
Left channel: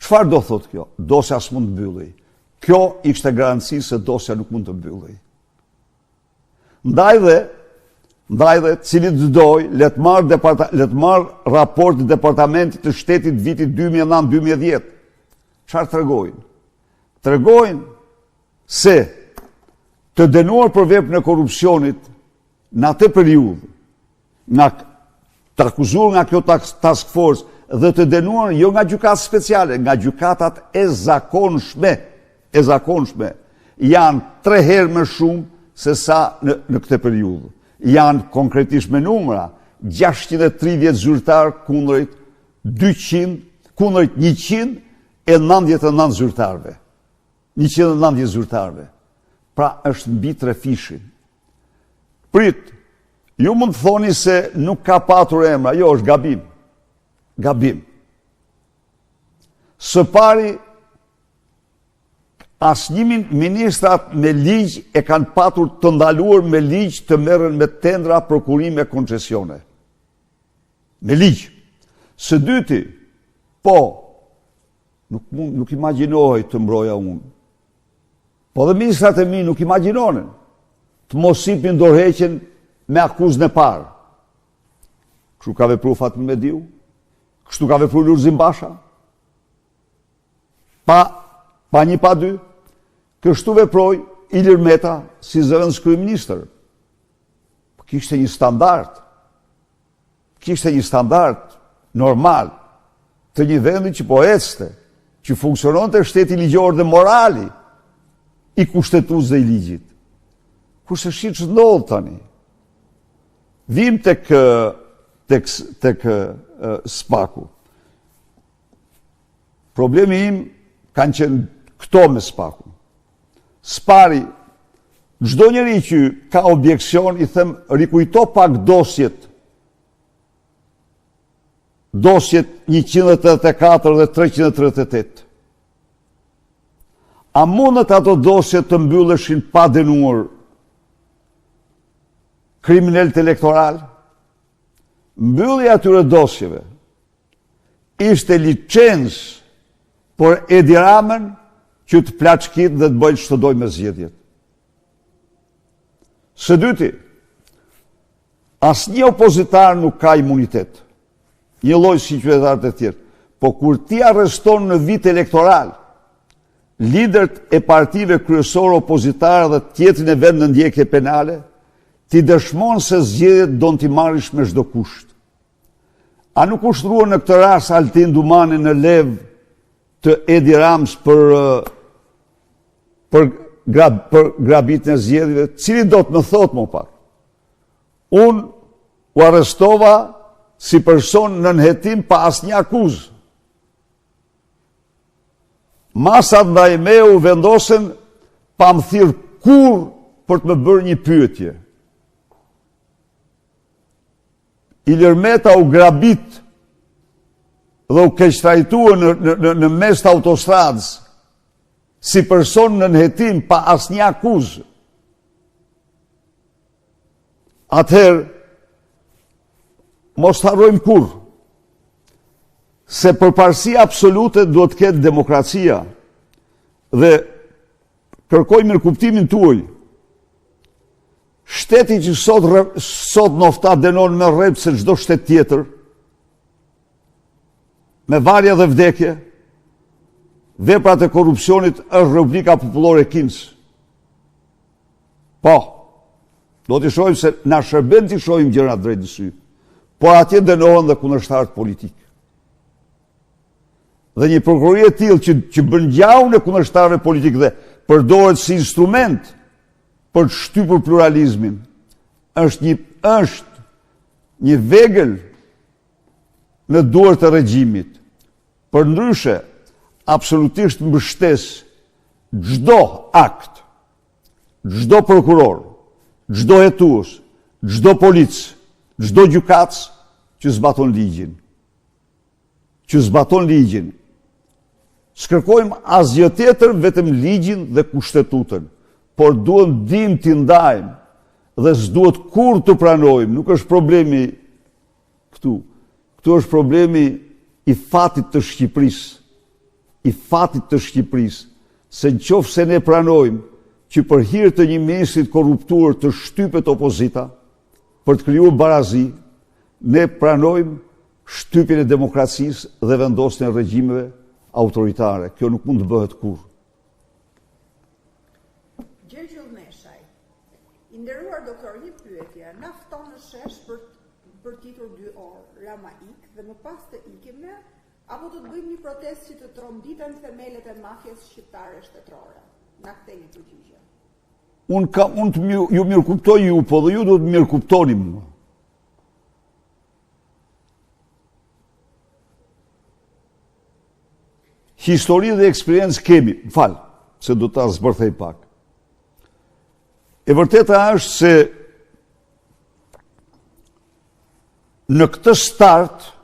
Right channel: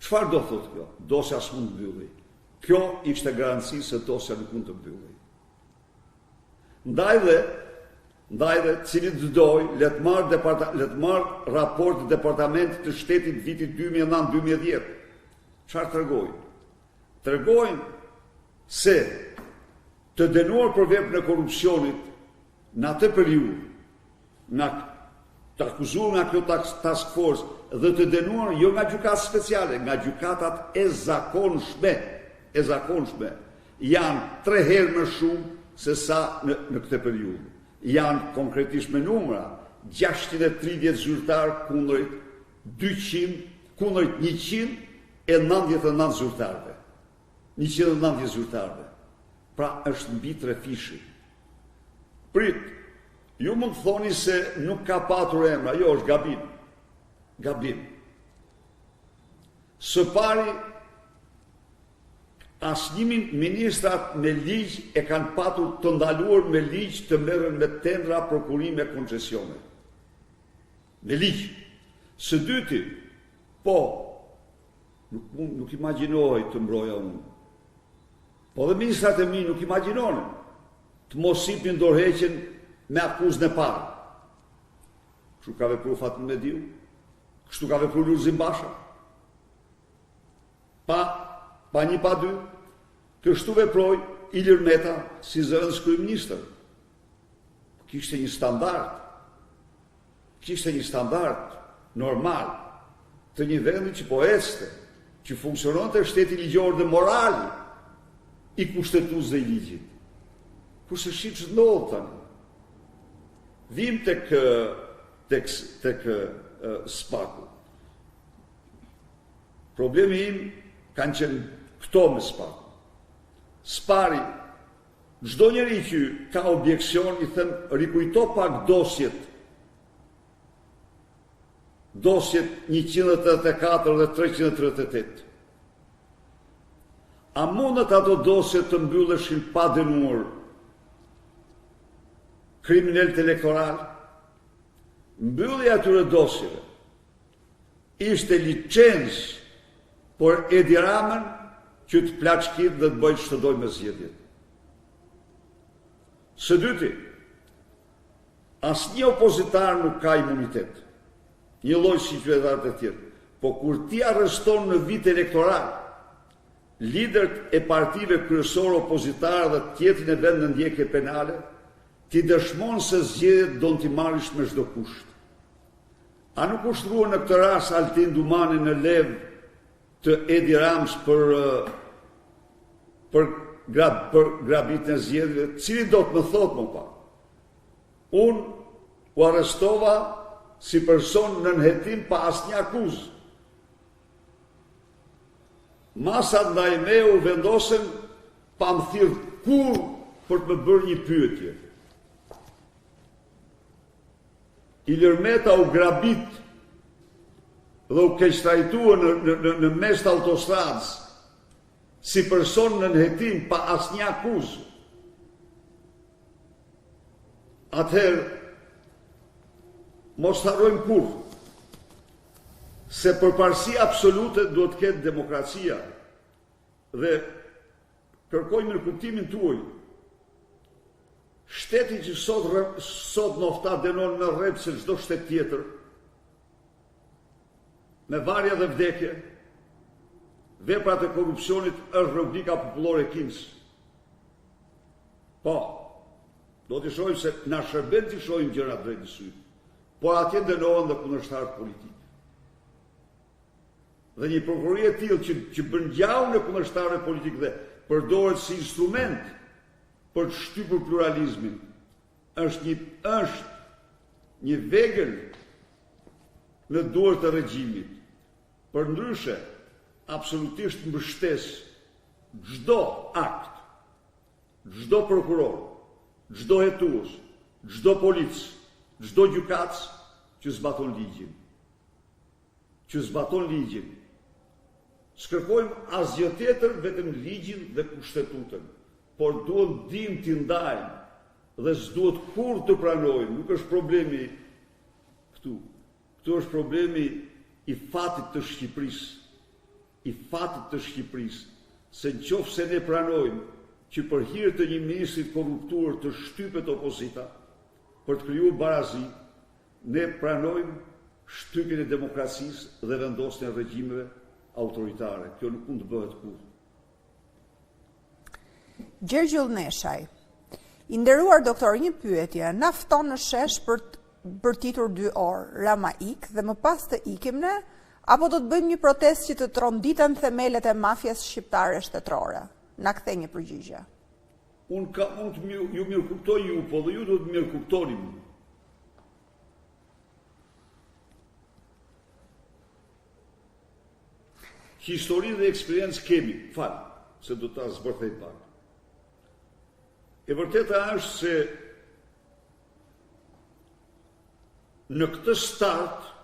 Çfarë do thot kjo? Dosja s'mund të mbyllej. Kjo ishte garanci se dosja nuk mund të mbyllej. Ndaj dhe cili të doj, le të marr raport të departamentit të shtetit vitit 2009-2010. Çfarë tregojnë? Tregojnë se të dënuar për veprën e korrupsionit në atë periudhë, të akuzuar nga kjo task force dhe të dënuar jo nga gjykatat speciale, nga gjykatat e zakonshme, janë 3 herë më shumë se sa në këtë periudhë. Janë konkretisht me numra 630 zyrtar kundrejt 199 zyrtarve. 190 zyrtarve. Pra është mbi 3 fishi. Prit, ju mund të thoni se nuk ka patur emra, jo, është gabim. Gabim. Së pari, asnjë ministrat me ligj e kanë patur të ndaluar me ligj të merren me tendra, prokurime, koncesione. Me ligj. Së dyti, po, nuk imagjinohej të mbroja unë. Po dhe ministrat e mi nuk imagjinonin të mos sipin dorëheqjen me akuzën e parë. Kështu ka vepruar Fatmi Mediu, kështu ka vepruar Lulzim Basha. Pa një pa dy, kështu veproi Ilir Meta si zëvendës kryeministër. Kishte një standard. normal të një vendi që po ecte, që funksionon të shteti ligjor dhe morali i kushtetues dhe i ligjit. Kurse shit që ndodhë tani. Vim tek SPAK-u. Problemi im kanë qenë këto me SPAK-u. SPAR-i, çdo njeri që ka objeksion, i them, rikujto pak dosjet 184 dhe 338. A mundet ato dosjet të mbylleshin pa dënuar kriminalët elektoral? Mbyllja atyre dosjeve ishte licencë por Edi Ramën që të plaçkit dhe të bëjnë çdo doj me zgjedhjet. Së dyti, asnjë opozitar nuk ka imunitet, një lloj si qytetarët e tjerë, po kur ti arreston në vit elektoral liderët e partive kryesore opozitare dhe tjetrin e vend në ndjekje penale, ti dëshmon se zgjedhjet do t'i marrësh me çdo kusht. A nuk ushtruan në këtë rast Altin Dumani në levë të Edi Ramës për grabitjen e zgjedhjeve? Cili do të më thotë më pak? Unë u arrestova si person në nënhetim pa asnjë akuzë. Masat ndaj me u vendosen pa më thirrë kur për të më bërë një pyetje. Ilir Meta u grabit dhe u keqtrajtua në mes të autostradës si person në nënhetim pa asnjë akuzë. Atëherë, mos harrojmë kur se përparësia absolute duhet të ketë demokracia dhe kërkoj mirëkuptimin tuaj. Shteti që sot nofta dënon me rrep se çdo shtet tjetër, me varje dhe vdekje, veprat e korrupsionit është Republika Popullore e Kinës. Po, do t'i shohim se na shërben t'i shohim gjërat drejt në sy, por atje dënohen dhe kundërshtarët politikë. Dhe një prokurori e tillë që bën gjallë në kundërshtarëve politikë dhe përdoret si instrument për të shtypur pluralizmin, është një vegël në duart të regjimit. Përndryshe, absolutisht mbështes çdo akt, çdo prokuror, çdo hetues, çdo polic, çdo gjykatës që zbaton ligjin. S'kërkojmë asgjë tjetër vetëm ligjin dhe kushtetutën, por duhet dim t'i ndajmë dhe s'duhet kur të pranojmë. Nuk është problemi këtu. Këtu është problemi i fatit të Shqipërisë. Se nëse se ne pranojmë që për hir të një ministrit korruptuar të shtypet opozita për të krijuar barazi, ne pranojmë shtypjen e demokracisë dhe vendosjen e regjimeve autoritare. Kjo nuk mund të bëhet kurrë. Gjergjull Neshaj, i nderuar doktor, një pyetje, na fton në shesh për bërtitur 2 orë, Rama ik dhe më pas të ikim ne, apo do të bëjmë një protestë që të tronditen themelet e mafjes shqiptare shtetërore? Na kthej një përgjigje. Ju mirë kuptoj ju, po dhe ju do të mirë kuptoni mua. Histori dhe eksperiencë kemi, se do ta zbërthej pak. E vërteta është se në këtë start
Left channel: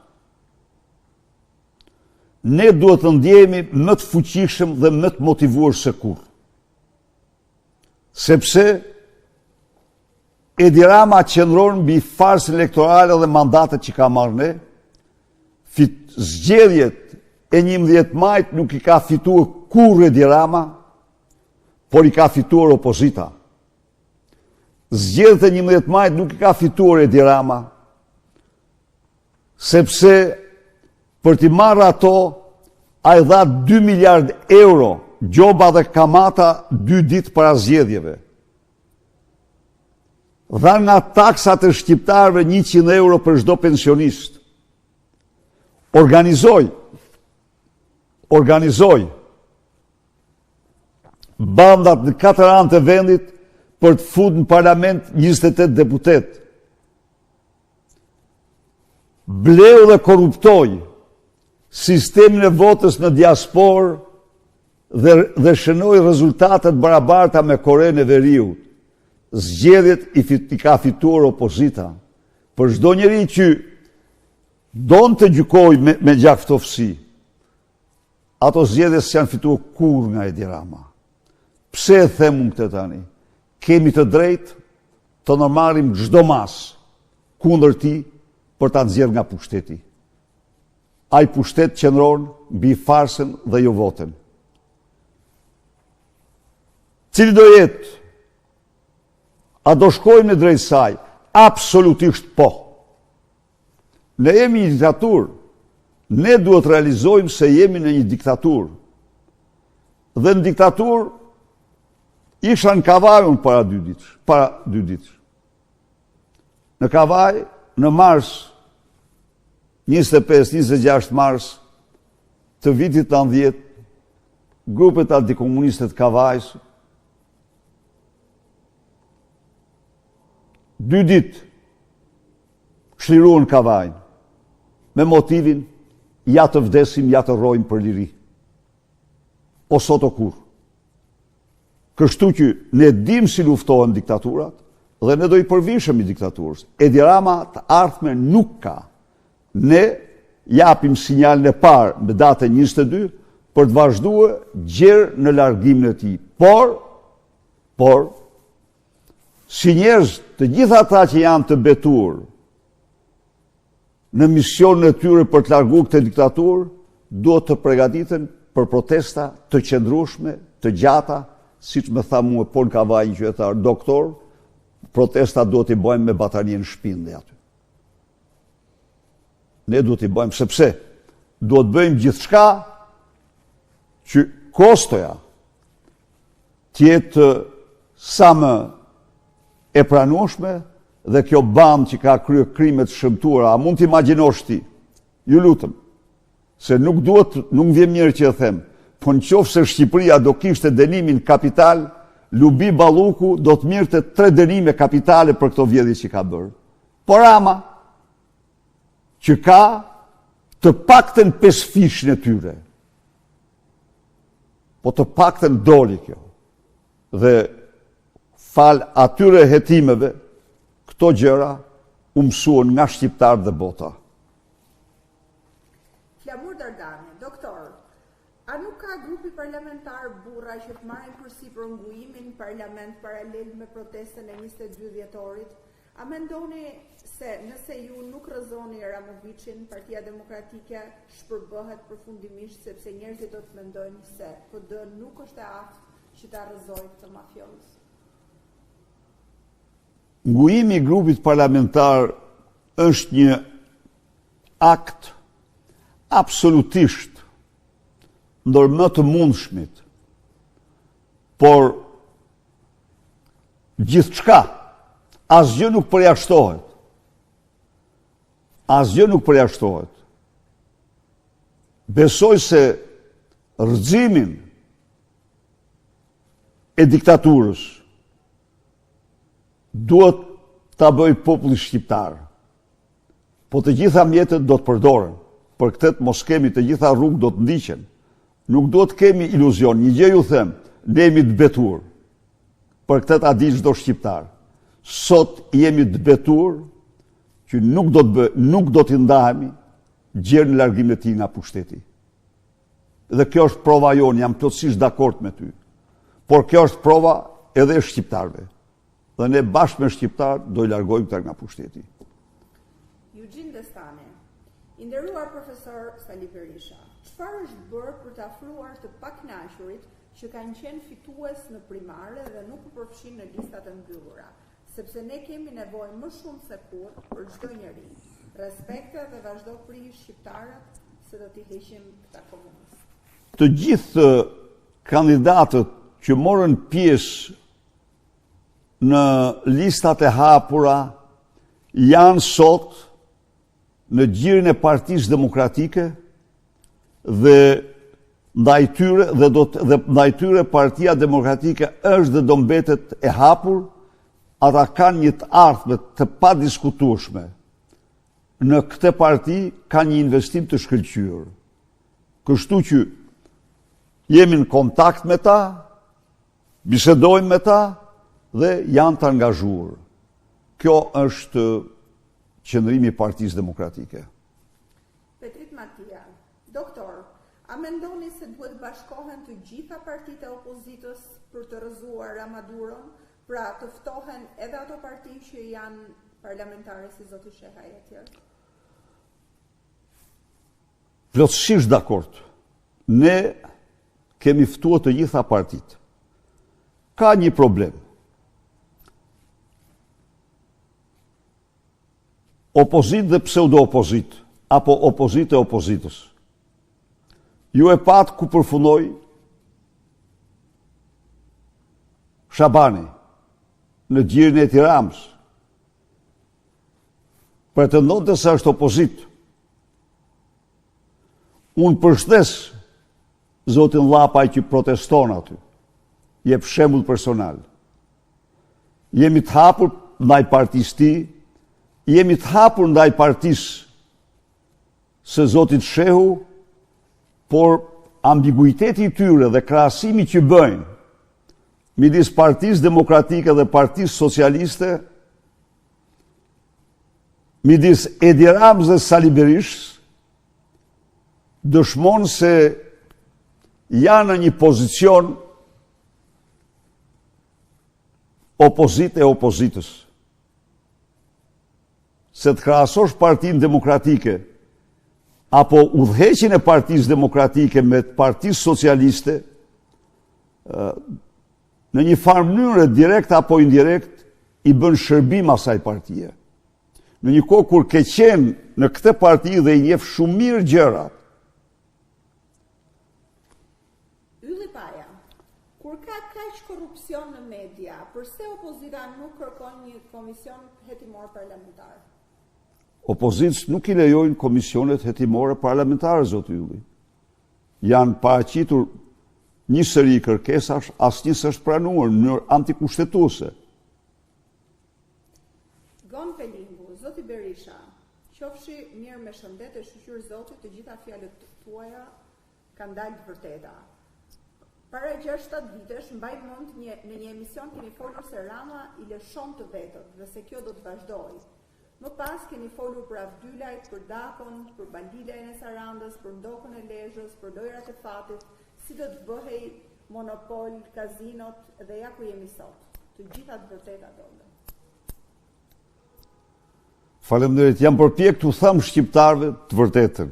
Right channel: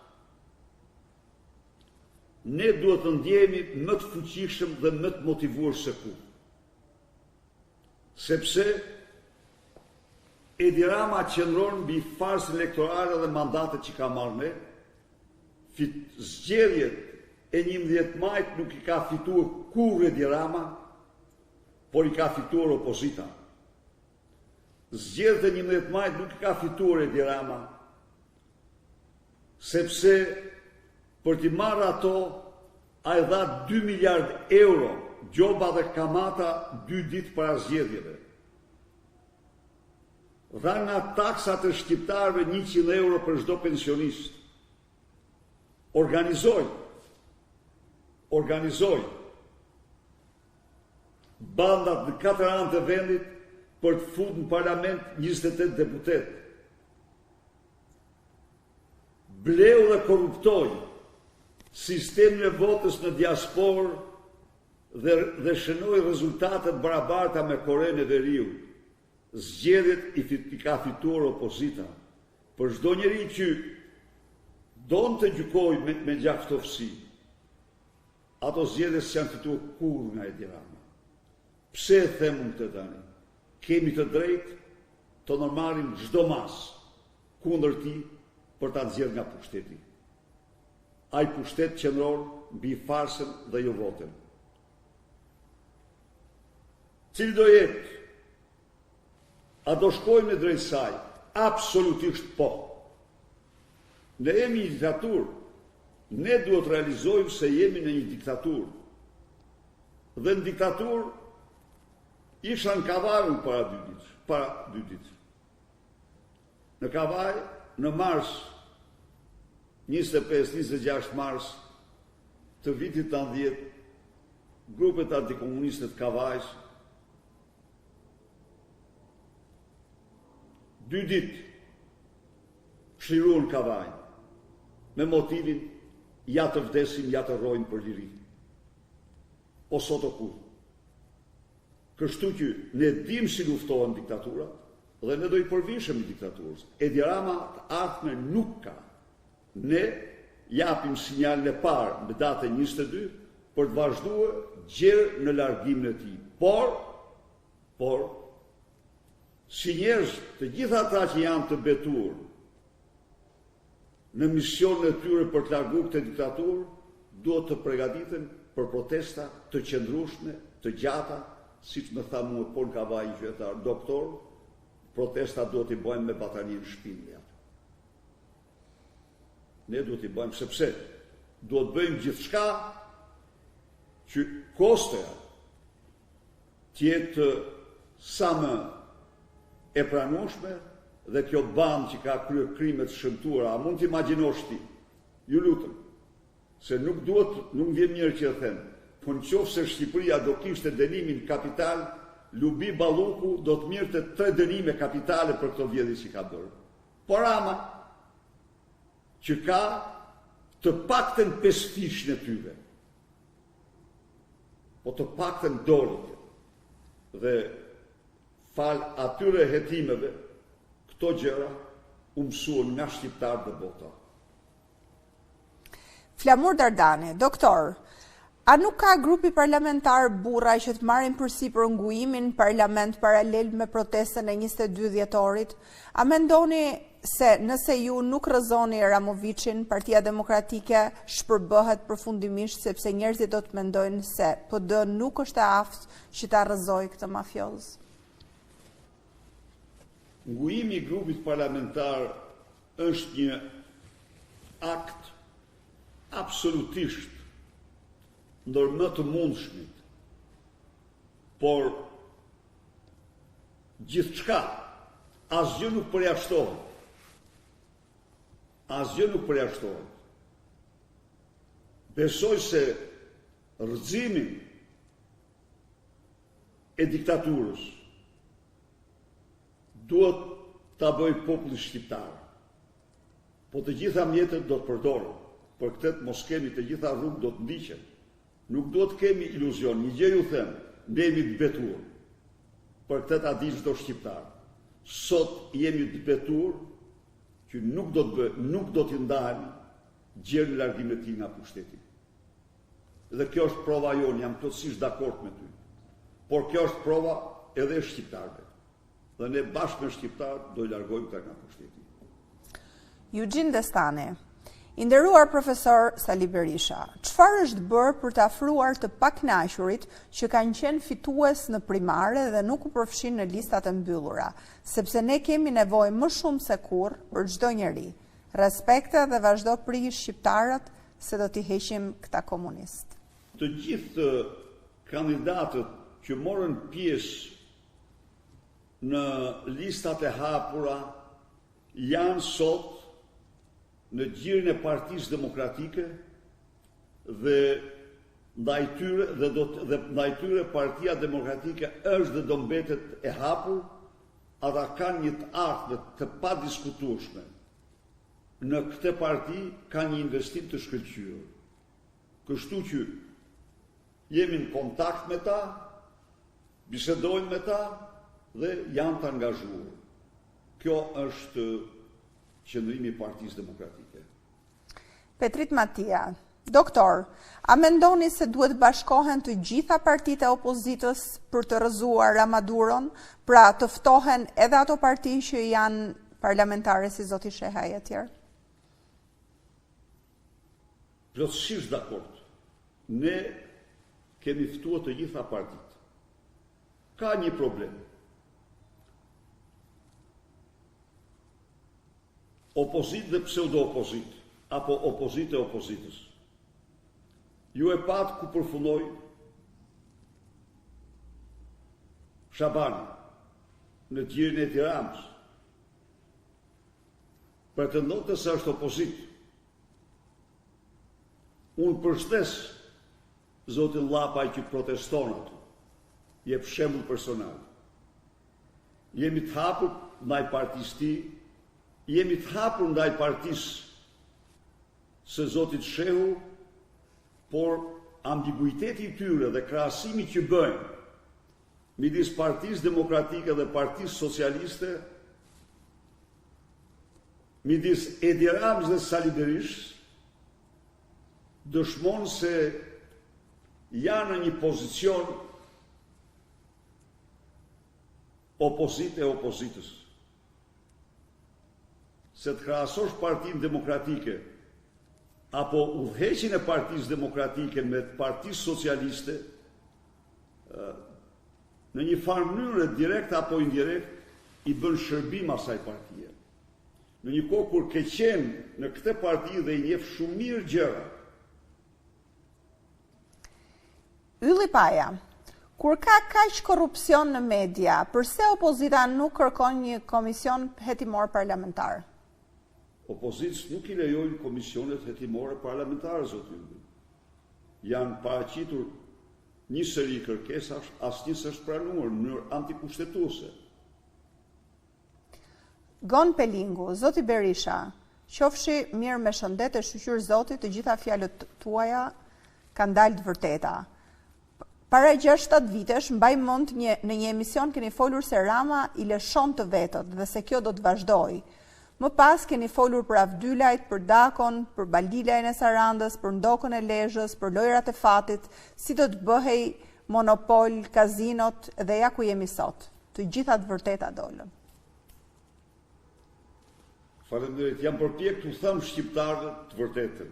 ne duhet të ndjehemi më të fuqishëm dhe më të motivuar se kurrë. Sepse Edi Rama qëndron mbi farsën elektorale dhe mandatet që ka marrë ne. Zgjedhjet e 11 majit nuk i ka fituar kurrë Edi Rama, por i ka fituar opozita. Zgjedhjet e 11 majit nuk i ka fituar Edi Rama, sepse për t'i marrë ato, a i dha 2 miliard euro gjoba dhe kamata 2 ditë para zgjedhjeve. Dha nga taksat e shqiptarëve 100 euro për çdo pensionist. organizoj bandat në 4 anë të vendit për të futur në parlament 28 deputet. Bleu dhe korruptoj sistemin e votës në diasporë dhe shënoi rezultatet barabarta me Korenë e Veriut. Zgjedhjet i ka fituar opozita. Për çdo njeri që don të gjykoj me gjaktofsi, ato zgjedhje s'janë fituar kurrë nga Edi Rama. Pse e them unë këtë tani? Kemi të drejtë të në marrim çdo mas kundër ti për ta nxjerrë nga pushteti. Ai pushtet qëndron mbi farsën dhe jo votën. Cili do jetë? A do shkojmë në drejt saj? Absolutisht po. Ne jemi një diktaturë. Ne duhet realizojmë se jemi në një diktaturë. Dhe në diktaturë isha në Kavaj para 2 ditë. Në Kavaj, në mars 25-26 mars të vitit 90, grupet antikomuniste të Kavajs 2 ditë çliruan Kavajin me motivin ja të vdesim, ja të rrojmë për liri. O sot o kur. Kështu që ne dim si luftohen diktaturat dhe ne do i përvishëm i diktaturës. Edi Rama të ardhme nuk ka. Ne japim sinjalin e parë me datën 22 për të vazhduar gjerë në largimin e tij. Por si njerëz të gjitha ata që janë të betur në misionin e tyre për të larguar këtë diktaturë, duhet të përgatiten për protesta të qëndrueshme, të gjata, siç më tha mua Pol Kavaj, qytetar doktor, protesta duhet i bëjmë me batanien shpinde aty. Ne duhet i bëjmë sepse duhet bëjmë gjithçka që kostoja tjetë sa më e pranueshme dhe kjo bandë që ka kryer krime të shëmtuara, a mund të imagjinosh ti? Ju lutem, se nuk vjen mirë që e them, po nëse Shqipëria do kishte dënimin kapital, Lubi Balluku do të mirte 3 dënime kapitale për këto vjedhje që ka bërë. Por Rama, që ka të paktën 5 fishën e tyre, po të paktën doli kjo. Dhe fal atyre hetimeve, këto gjëra u mësuan nga shqiptarët dhe bota. Flamur Dardani, doktor, a nuk ka grupi parlamentar burra që të marrin përsipër nguimin parlament paralel me protestën e 22 dhjetorit? A mendoni se nëse ju nuk rrëzoni Ramovicin, Partia Demokratike shpërbëhet përfundimisht sepse njerëzit do të mendojnë se PD nuk është e aftë që ta rrëzojë këtë mafioz? Nguimi i grupit parlamentar është një akt absolutisht ndër më të mundshmit, por gjithçka, asgjë nuk përjashtohet. Asgjë nuk përjashtohet. Besoj se rrëzimin e diktaturës duhet ta bëj populli shqiptar. Po të gjitha mjetet do të përdoren. Për këtë mos kemi të gjitha rrugë do të ndiqen. Nuk duhet kemi iluzion. Një gjë ju them, ne jemi të betur. Për këtë ta di çdo shqiptar. Sot jemi të betur që nuk do t'i ndahemi gjerë në largimin e tij nga pushteti. Dhe kjo është prova jonë, jam plotësisht dakord me ty. Por kjo është prova edhe e shqiptarëve. Dhe ne bashkë me shqiptarë do i largojmë këta nga pushteti. Eugene Destani, i nderuar profesor Sali Berisha, çfarë është bërë për të afruar të pakënaqurit që kanë qenë fitues në primare dhe nuk u përfshin në listat e mbyllura, sepse ne kemi nevojë më shumë se kurrë për çdo njeri. Respekte dhe vazhdo priji shqiptarët se do t'i heqim këta komunist. Të gjithë kandidatët që morën pjesë në listat e hapura janë sot në gjirin e Partisë Demokratike dhe ndaj tyre Partia Demokratike është dhe do mbetet e hapur, ata kanë një të ardhme të padiskutueshme. Në këtë parti ka një investim të shkëlqyer. Kështu që jemi në kontakt me ta, bisedojmë me ta dhe janë të angazhuar. Kjo është qëndrimi i Partisë Demokratike. Petrit Matia, doktor, a mendoni se duhet bashkohen të gjitha partitë e opozitës për të rrëzuar Ramaduron, pra të ftohen edhe ato parti që janë parlamentare si zoti Shehaj e tjerë? Plotësisht dakord. Ne kemi ftuar të gjitha partitë. Ka një problem. Opozit dhe pseudo-opozit, apo opozit e opozitës. Ju e pat ku përfundoi Shabani në gjirin e Tiranës. Pretendonte se është opozit. Unë përshtes zotin Llapaj që proteston aty. Jep shembull personal. Jemi të hapur ndaj partisë tij, jemi të hapur ndaj partisë së zotit Shehu, por ambiguiteti i tyre dhe krahasimi që bëjnë midis Partisë Demokratike dhe Partisë Socialiste, midis Edi Ramës dhe Sali Berishës, dëshmon se janë në një pozicion opozit e opozitës. Se të krahasosh Partinë Demokratike apo udhëheqjen e Partisë Demokratike me Partisë Socialiste, në një farë mënyrë direkt apo indirekt i bën shërbim asaj partie. Në një kohë kur ke qenë në këtë parti dhe i njeh shumë mirë gjërat. Ylli Paja, kur ka kaq korrupsion në media, përse opozita nuk kërkon një komision hetimor parlamentar? Opozitës nuk i lejojnë komisionet hetimore parlamentare, zoti Ylli. Janë paraqitur një seri kërkesash, asnjë s'është pranuar në mënyrë antikushtetuese. Gon Pelingu, zoti Berisha, qofshi mirë me shëndet e shqyr zotit, të gjitha fjalët tuaja kanë dalë të vërteta. Para 6-7 vitesh, mbaj mend në një emision keni folur se Rama i lëshon të vetët dhe se kjo do të vazhdojë. Më pas keni folur për Avdylajt, për Dakon, për Baldilajn e Sarandës, për Ndokën e Lezhës, për lojrat e fatit, si do të bëhej monopol, kazinot dhe ja ku jemi sot. Të gjitha të vërteta dolën. Faleminderit, jam përpjek t'u them shqiptarëve të vërtetën.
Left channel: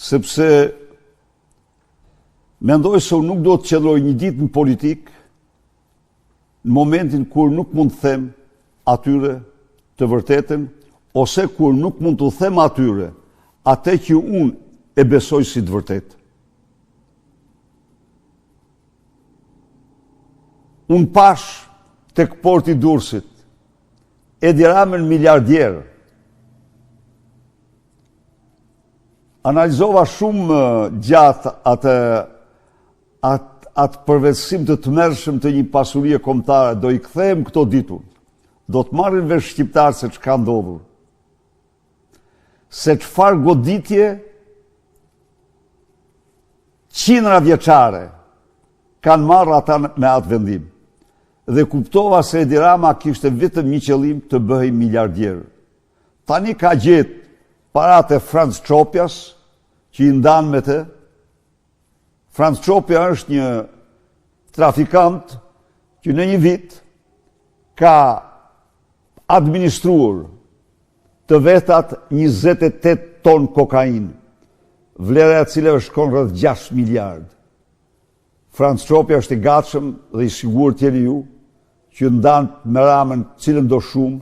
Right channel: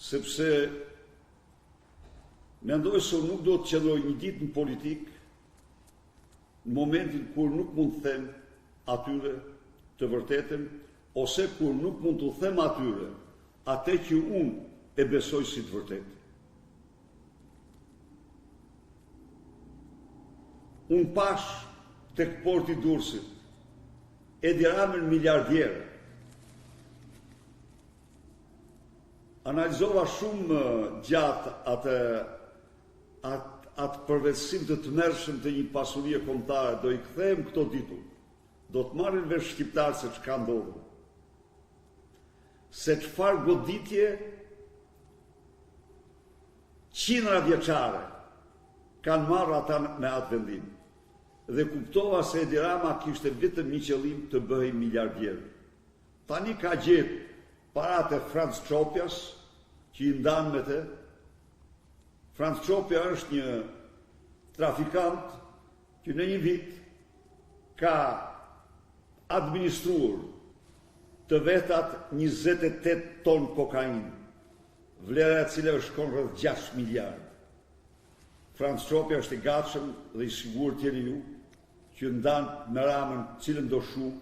Sepse mendoj se unë nuk do të qëndroj një ditë në politikë në momentin kur nuk mund të them atyre të vërtetën, ose kur nuk mund të them atyre atë që unë e besoj si të vërtetë. Unë pash tek porti i Durrësit Edi Ramën miliardjer. Analizova shumë gjatë atë përvetësim të tmerrshëm të një pasurie kombëtare, do i kthehem këto ditur. Do të marrin vesh shqiptarë se ç'ka ndodhur. Se çfarë goditje qindra vjeçare kanë marrë ata me atë vendim. Dhe kuptova se Edi Rama kishte vetëm një qëllim, të bëhej miliardjer. Tani ka gjetë paratë e Franz Çopjas, që i ndan me të. Franz Çopja është një trafikant që në një vit ka administruar të vetat 28 ton kokain, vlera e cilave shkon rreth 6 miliard. Franz Çopja është i gatshëm dhe i sigurt jeni ju që ndan me Ramën cilën do shumë,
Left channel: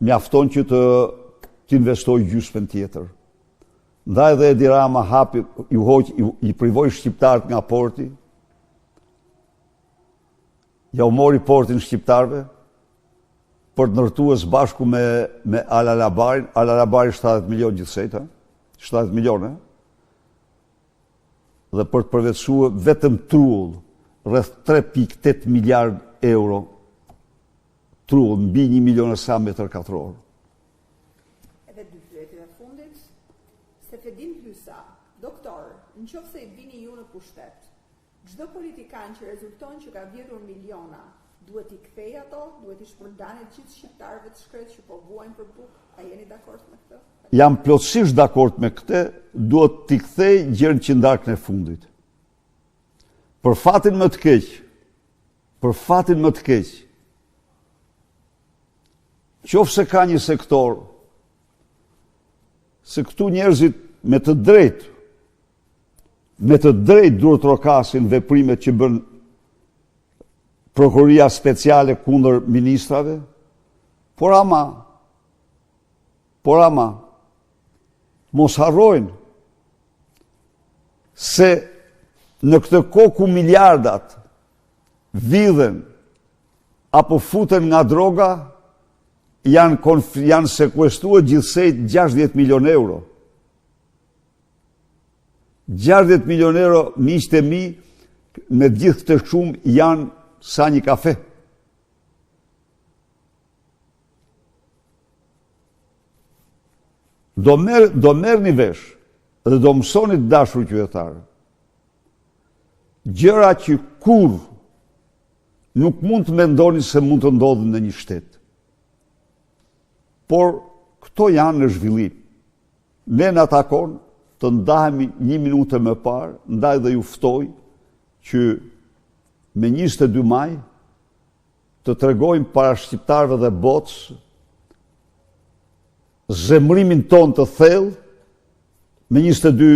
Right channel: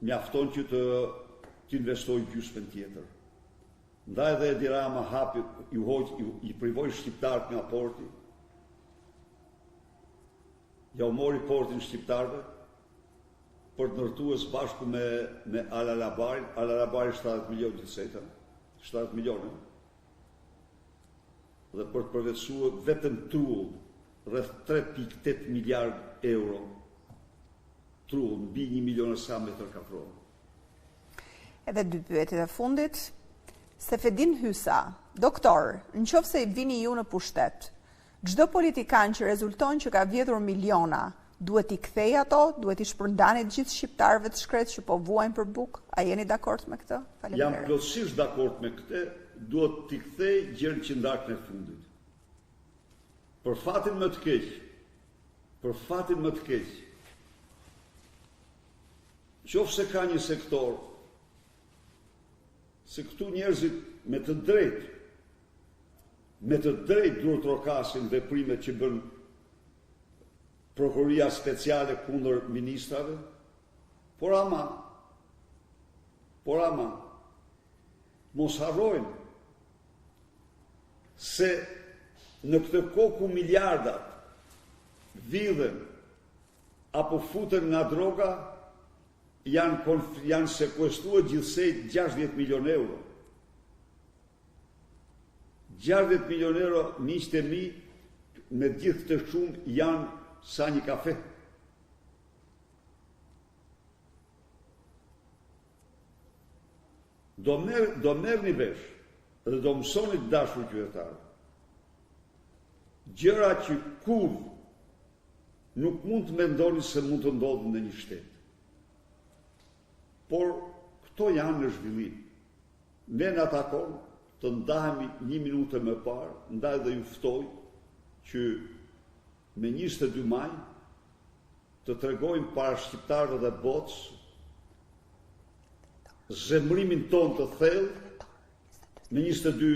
mjafton që të investoj gjysmën tjetër. Ndaj dhe Edi Rama hapi, i privoi shqiptarët nga porti, ja u mori portin shqiptarëve, për të ndërtuar së bashku me Al-Alabarin, Al-Alabari 70 milion gjithsejt, 70 milion, dhe për të përvetësuar vetëm trull, rreth 3.8 miliard euro trull, mbi 1 milion e sa metër katror. Edhe dy pyetjet e fundit. Sefedin Hysa, doktor, në qoftë se i vini ju në pushtet, çdo politikan që rezulton që ka vjedhur miliona, duhet i kthej ato, duhet i shpërndani gjithë shqiptarëve të shkret që po vuajnë për bukë? A jeni dakord me këtë? Jam plotësisht dakord me këtë, duhet t'i kthej gjën që ndarkën e fundit. Për fatin më të keq, qoftë se ka një sektor, se këtu njerëzit me të drejt duhet trokasin veprimet që bën prokuroria speciale kundër ministrave, por ama, mos harrojnë se në këtë kohë ku miliardat vidhen apo futen nga droga, janë sekuestruar gjithsej 60 milion euro. 60 milion euro, miqtë e mi, me gjithë këtë shumë janë sa një kafe. Do merrni vesh dhe do mësoni të dashur qytetarë. Gjëra që kur nuk mund të mendoni se mund të ndodhin në një shtet. Por këto janë në zhvillim. Ne në takon të ndahemi 1 minutë më parë, ndaj dhe ju ftoj që me 22 maj të tregojmë para shqiptarëve dhe botës zemrimin ton të thellë, me 22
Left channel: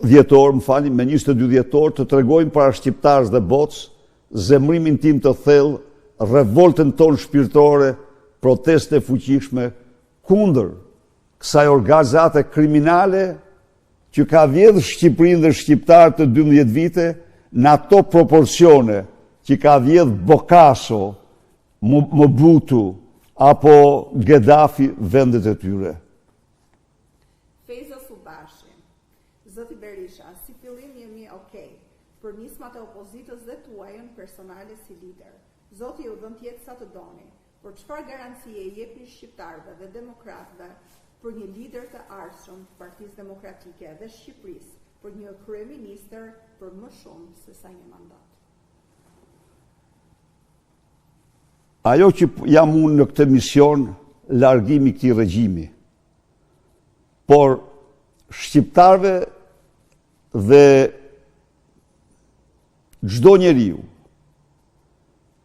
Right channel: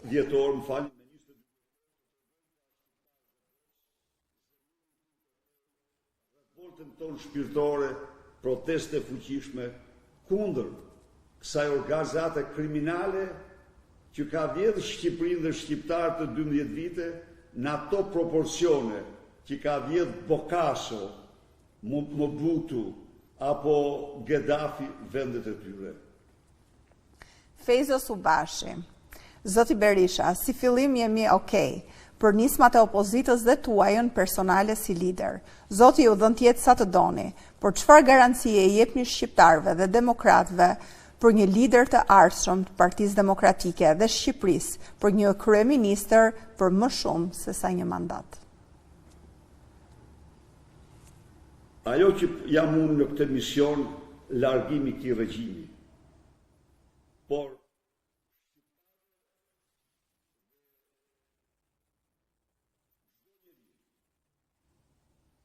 dhjetor, me 22 dhjetor të tregojmë para shqiptarës dhe botës zemrimin tim të thellë, revoltën ton shpirtërore, proteste fuqishme kundër kësaj organizate kriminale që ka vjedhur Shqipërinë dhe shqiptarët të 12 vite në ato proporcione që ka vjedhur Bokaso, Mobutu apo Gaddafi vendet e tyre. Fejzo Subashi, Zoti Berisha, si fillim jemi okej, për nismat e opozitës dhe tuajën personale si lider. Zoti ju dhënë të jetë sa të doni, por çfarë garancie i jepni shqiptarëve dhe demokratëve për një lider të ardhshëm të Partisë Demokratike dhe Shqipërisë, për një kryeministër për më shumë se sa një mandat? Ajo që jam unë në këtë mision, largimi këtij regjimi. Por shqiptarëve dhe çdo njeriu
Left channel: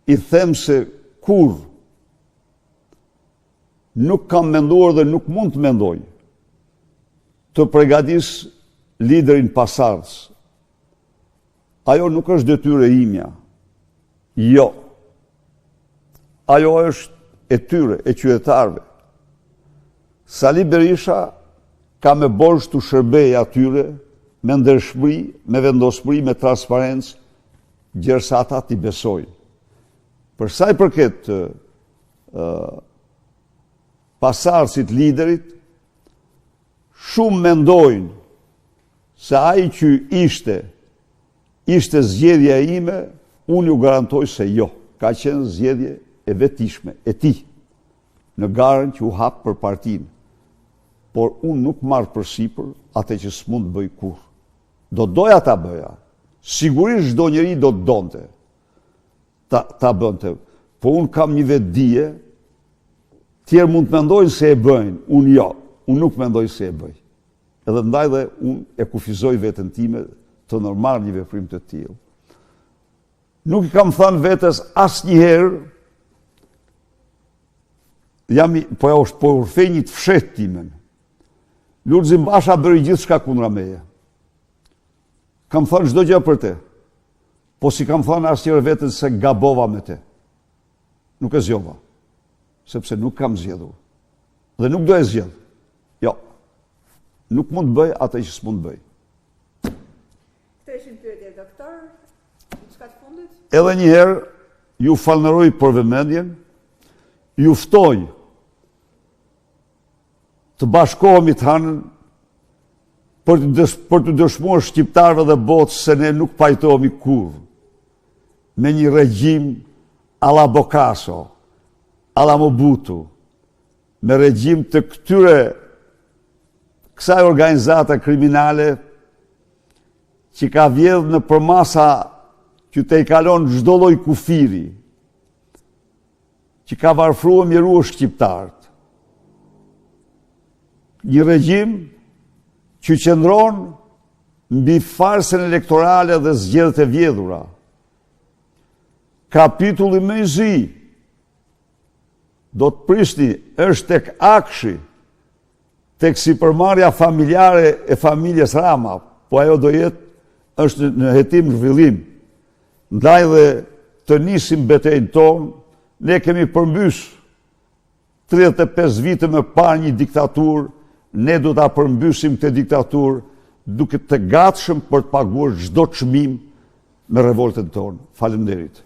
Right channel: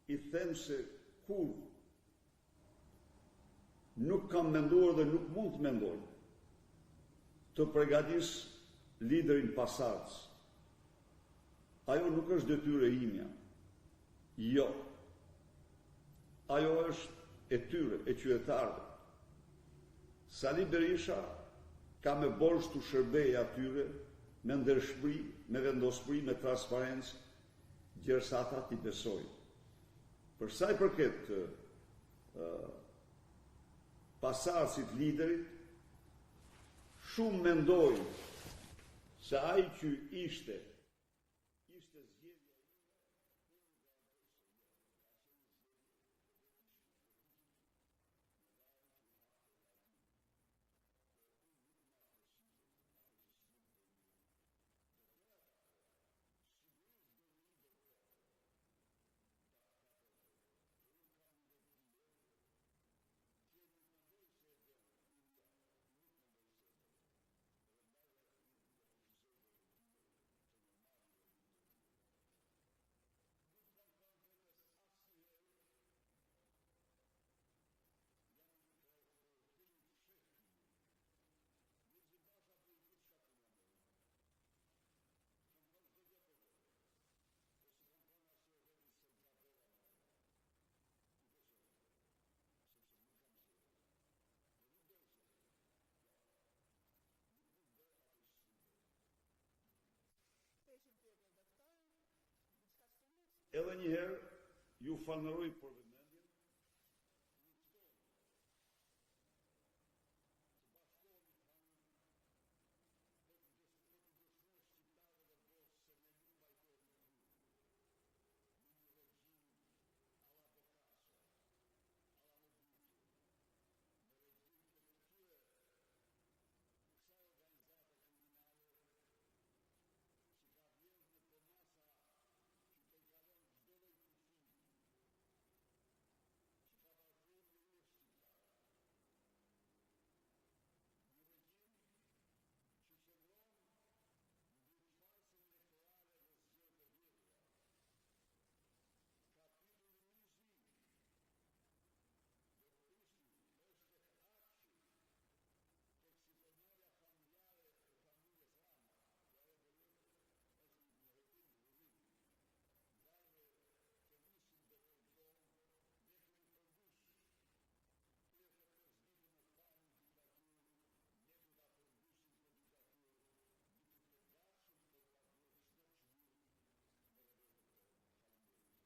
i them se kur nuk kam menduar dhe nuk mund të mendoj të përgatis liderin pasardhës. Ajo nuk është detyrë e imja. Jo. Ajo është e tyre, e qytetarëve. Sali Berisha ka me borxh të shërbej atyre me ndershmëri, me vendospëri, me transparencë, gjërsa ata t'i besojnë. Për sa i përket pasardhësit liderit, shumë mendojnë se ai që ishte zgjedhja ime, unë ju garantoj se jo. Ka qenë zgjedhje e vetishme, e tij, në garën që u hap për partinë. Por unë nuk marr përsipër atë që s'mund të bëj kurrë. Do doja ta bëja. Sigurisht çdo njeri do të donte ta bënte. Po unë kam një vetdije, tjerë mund të mendojnë se e bëjnë, unë jo, unë nuk mendoj se e bëj. Edhe ndaj dhe unë e kufizoj veten time të normal një veprim të tillë. Nuk i kam thënë vetes asnjëherë, po urfej një të fshetë timen. Lulzim Basha bëri gjithçka kundra meje. Kam thënë çdo gjë për te. Po si kam thënë asnjëherë vetes se gabova me te. Nuk e zgjova. Sepse nuk kam zgjedhur. Dhe nuk do e zgjedh. Jo. Nuk mund të bëj atë që s'mund të bëj. Këto ishin pyetje, doktor. Diçka të fundit? Edhe një herë ju falënderoj për vëmendjen. ju ftoj të bashkohemi të hanën për të dëshmuar shqiptarëve dhe botës se ne nuk pajtohemi kur me një regjim alla Bokaso, alla Mobutu, me regjim të kësaj organizata kriminale që ka vjedh në përmasa që te i kalon çdo lloj kufiri, që ka varfruar mjeruar shqiptarët. Një regjim që qëndron mbi farsën elektorale dhe zgjedhjet e vjedhura. Kapitulli më i zi do të prishni është tek akshi, tek sipërmarrja familjare e familjes Rama, po ajo do jetë është në hetim zhvillim. Ndaj dhe të nisim betejën tonë, ne kemi përmbys 35 vite më parë një diktaturë, ne do ta përmbysim këtë diktaturë duke të gatshëm për të paguar çdo çmim me revoltën tonë. Faleminderit.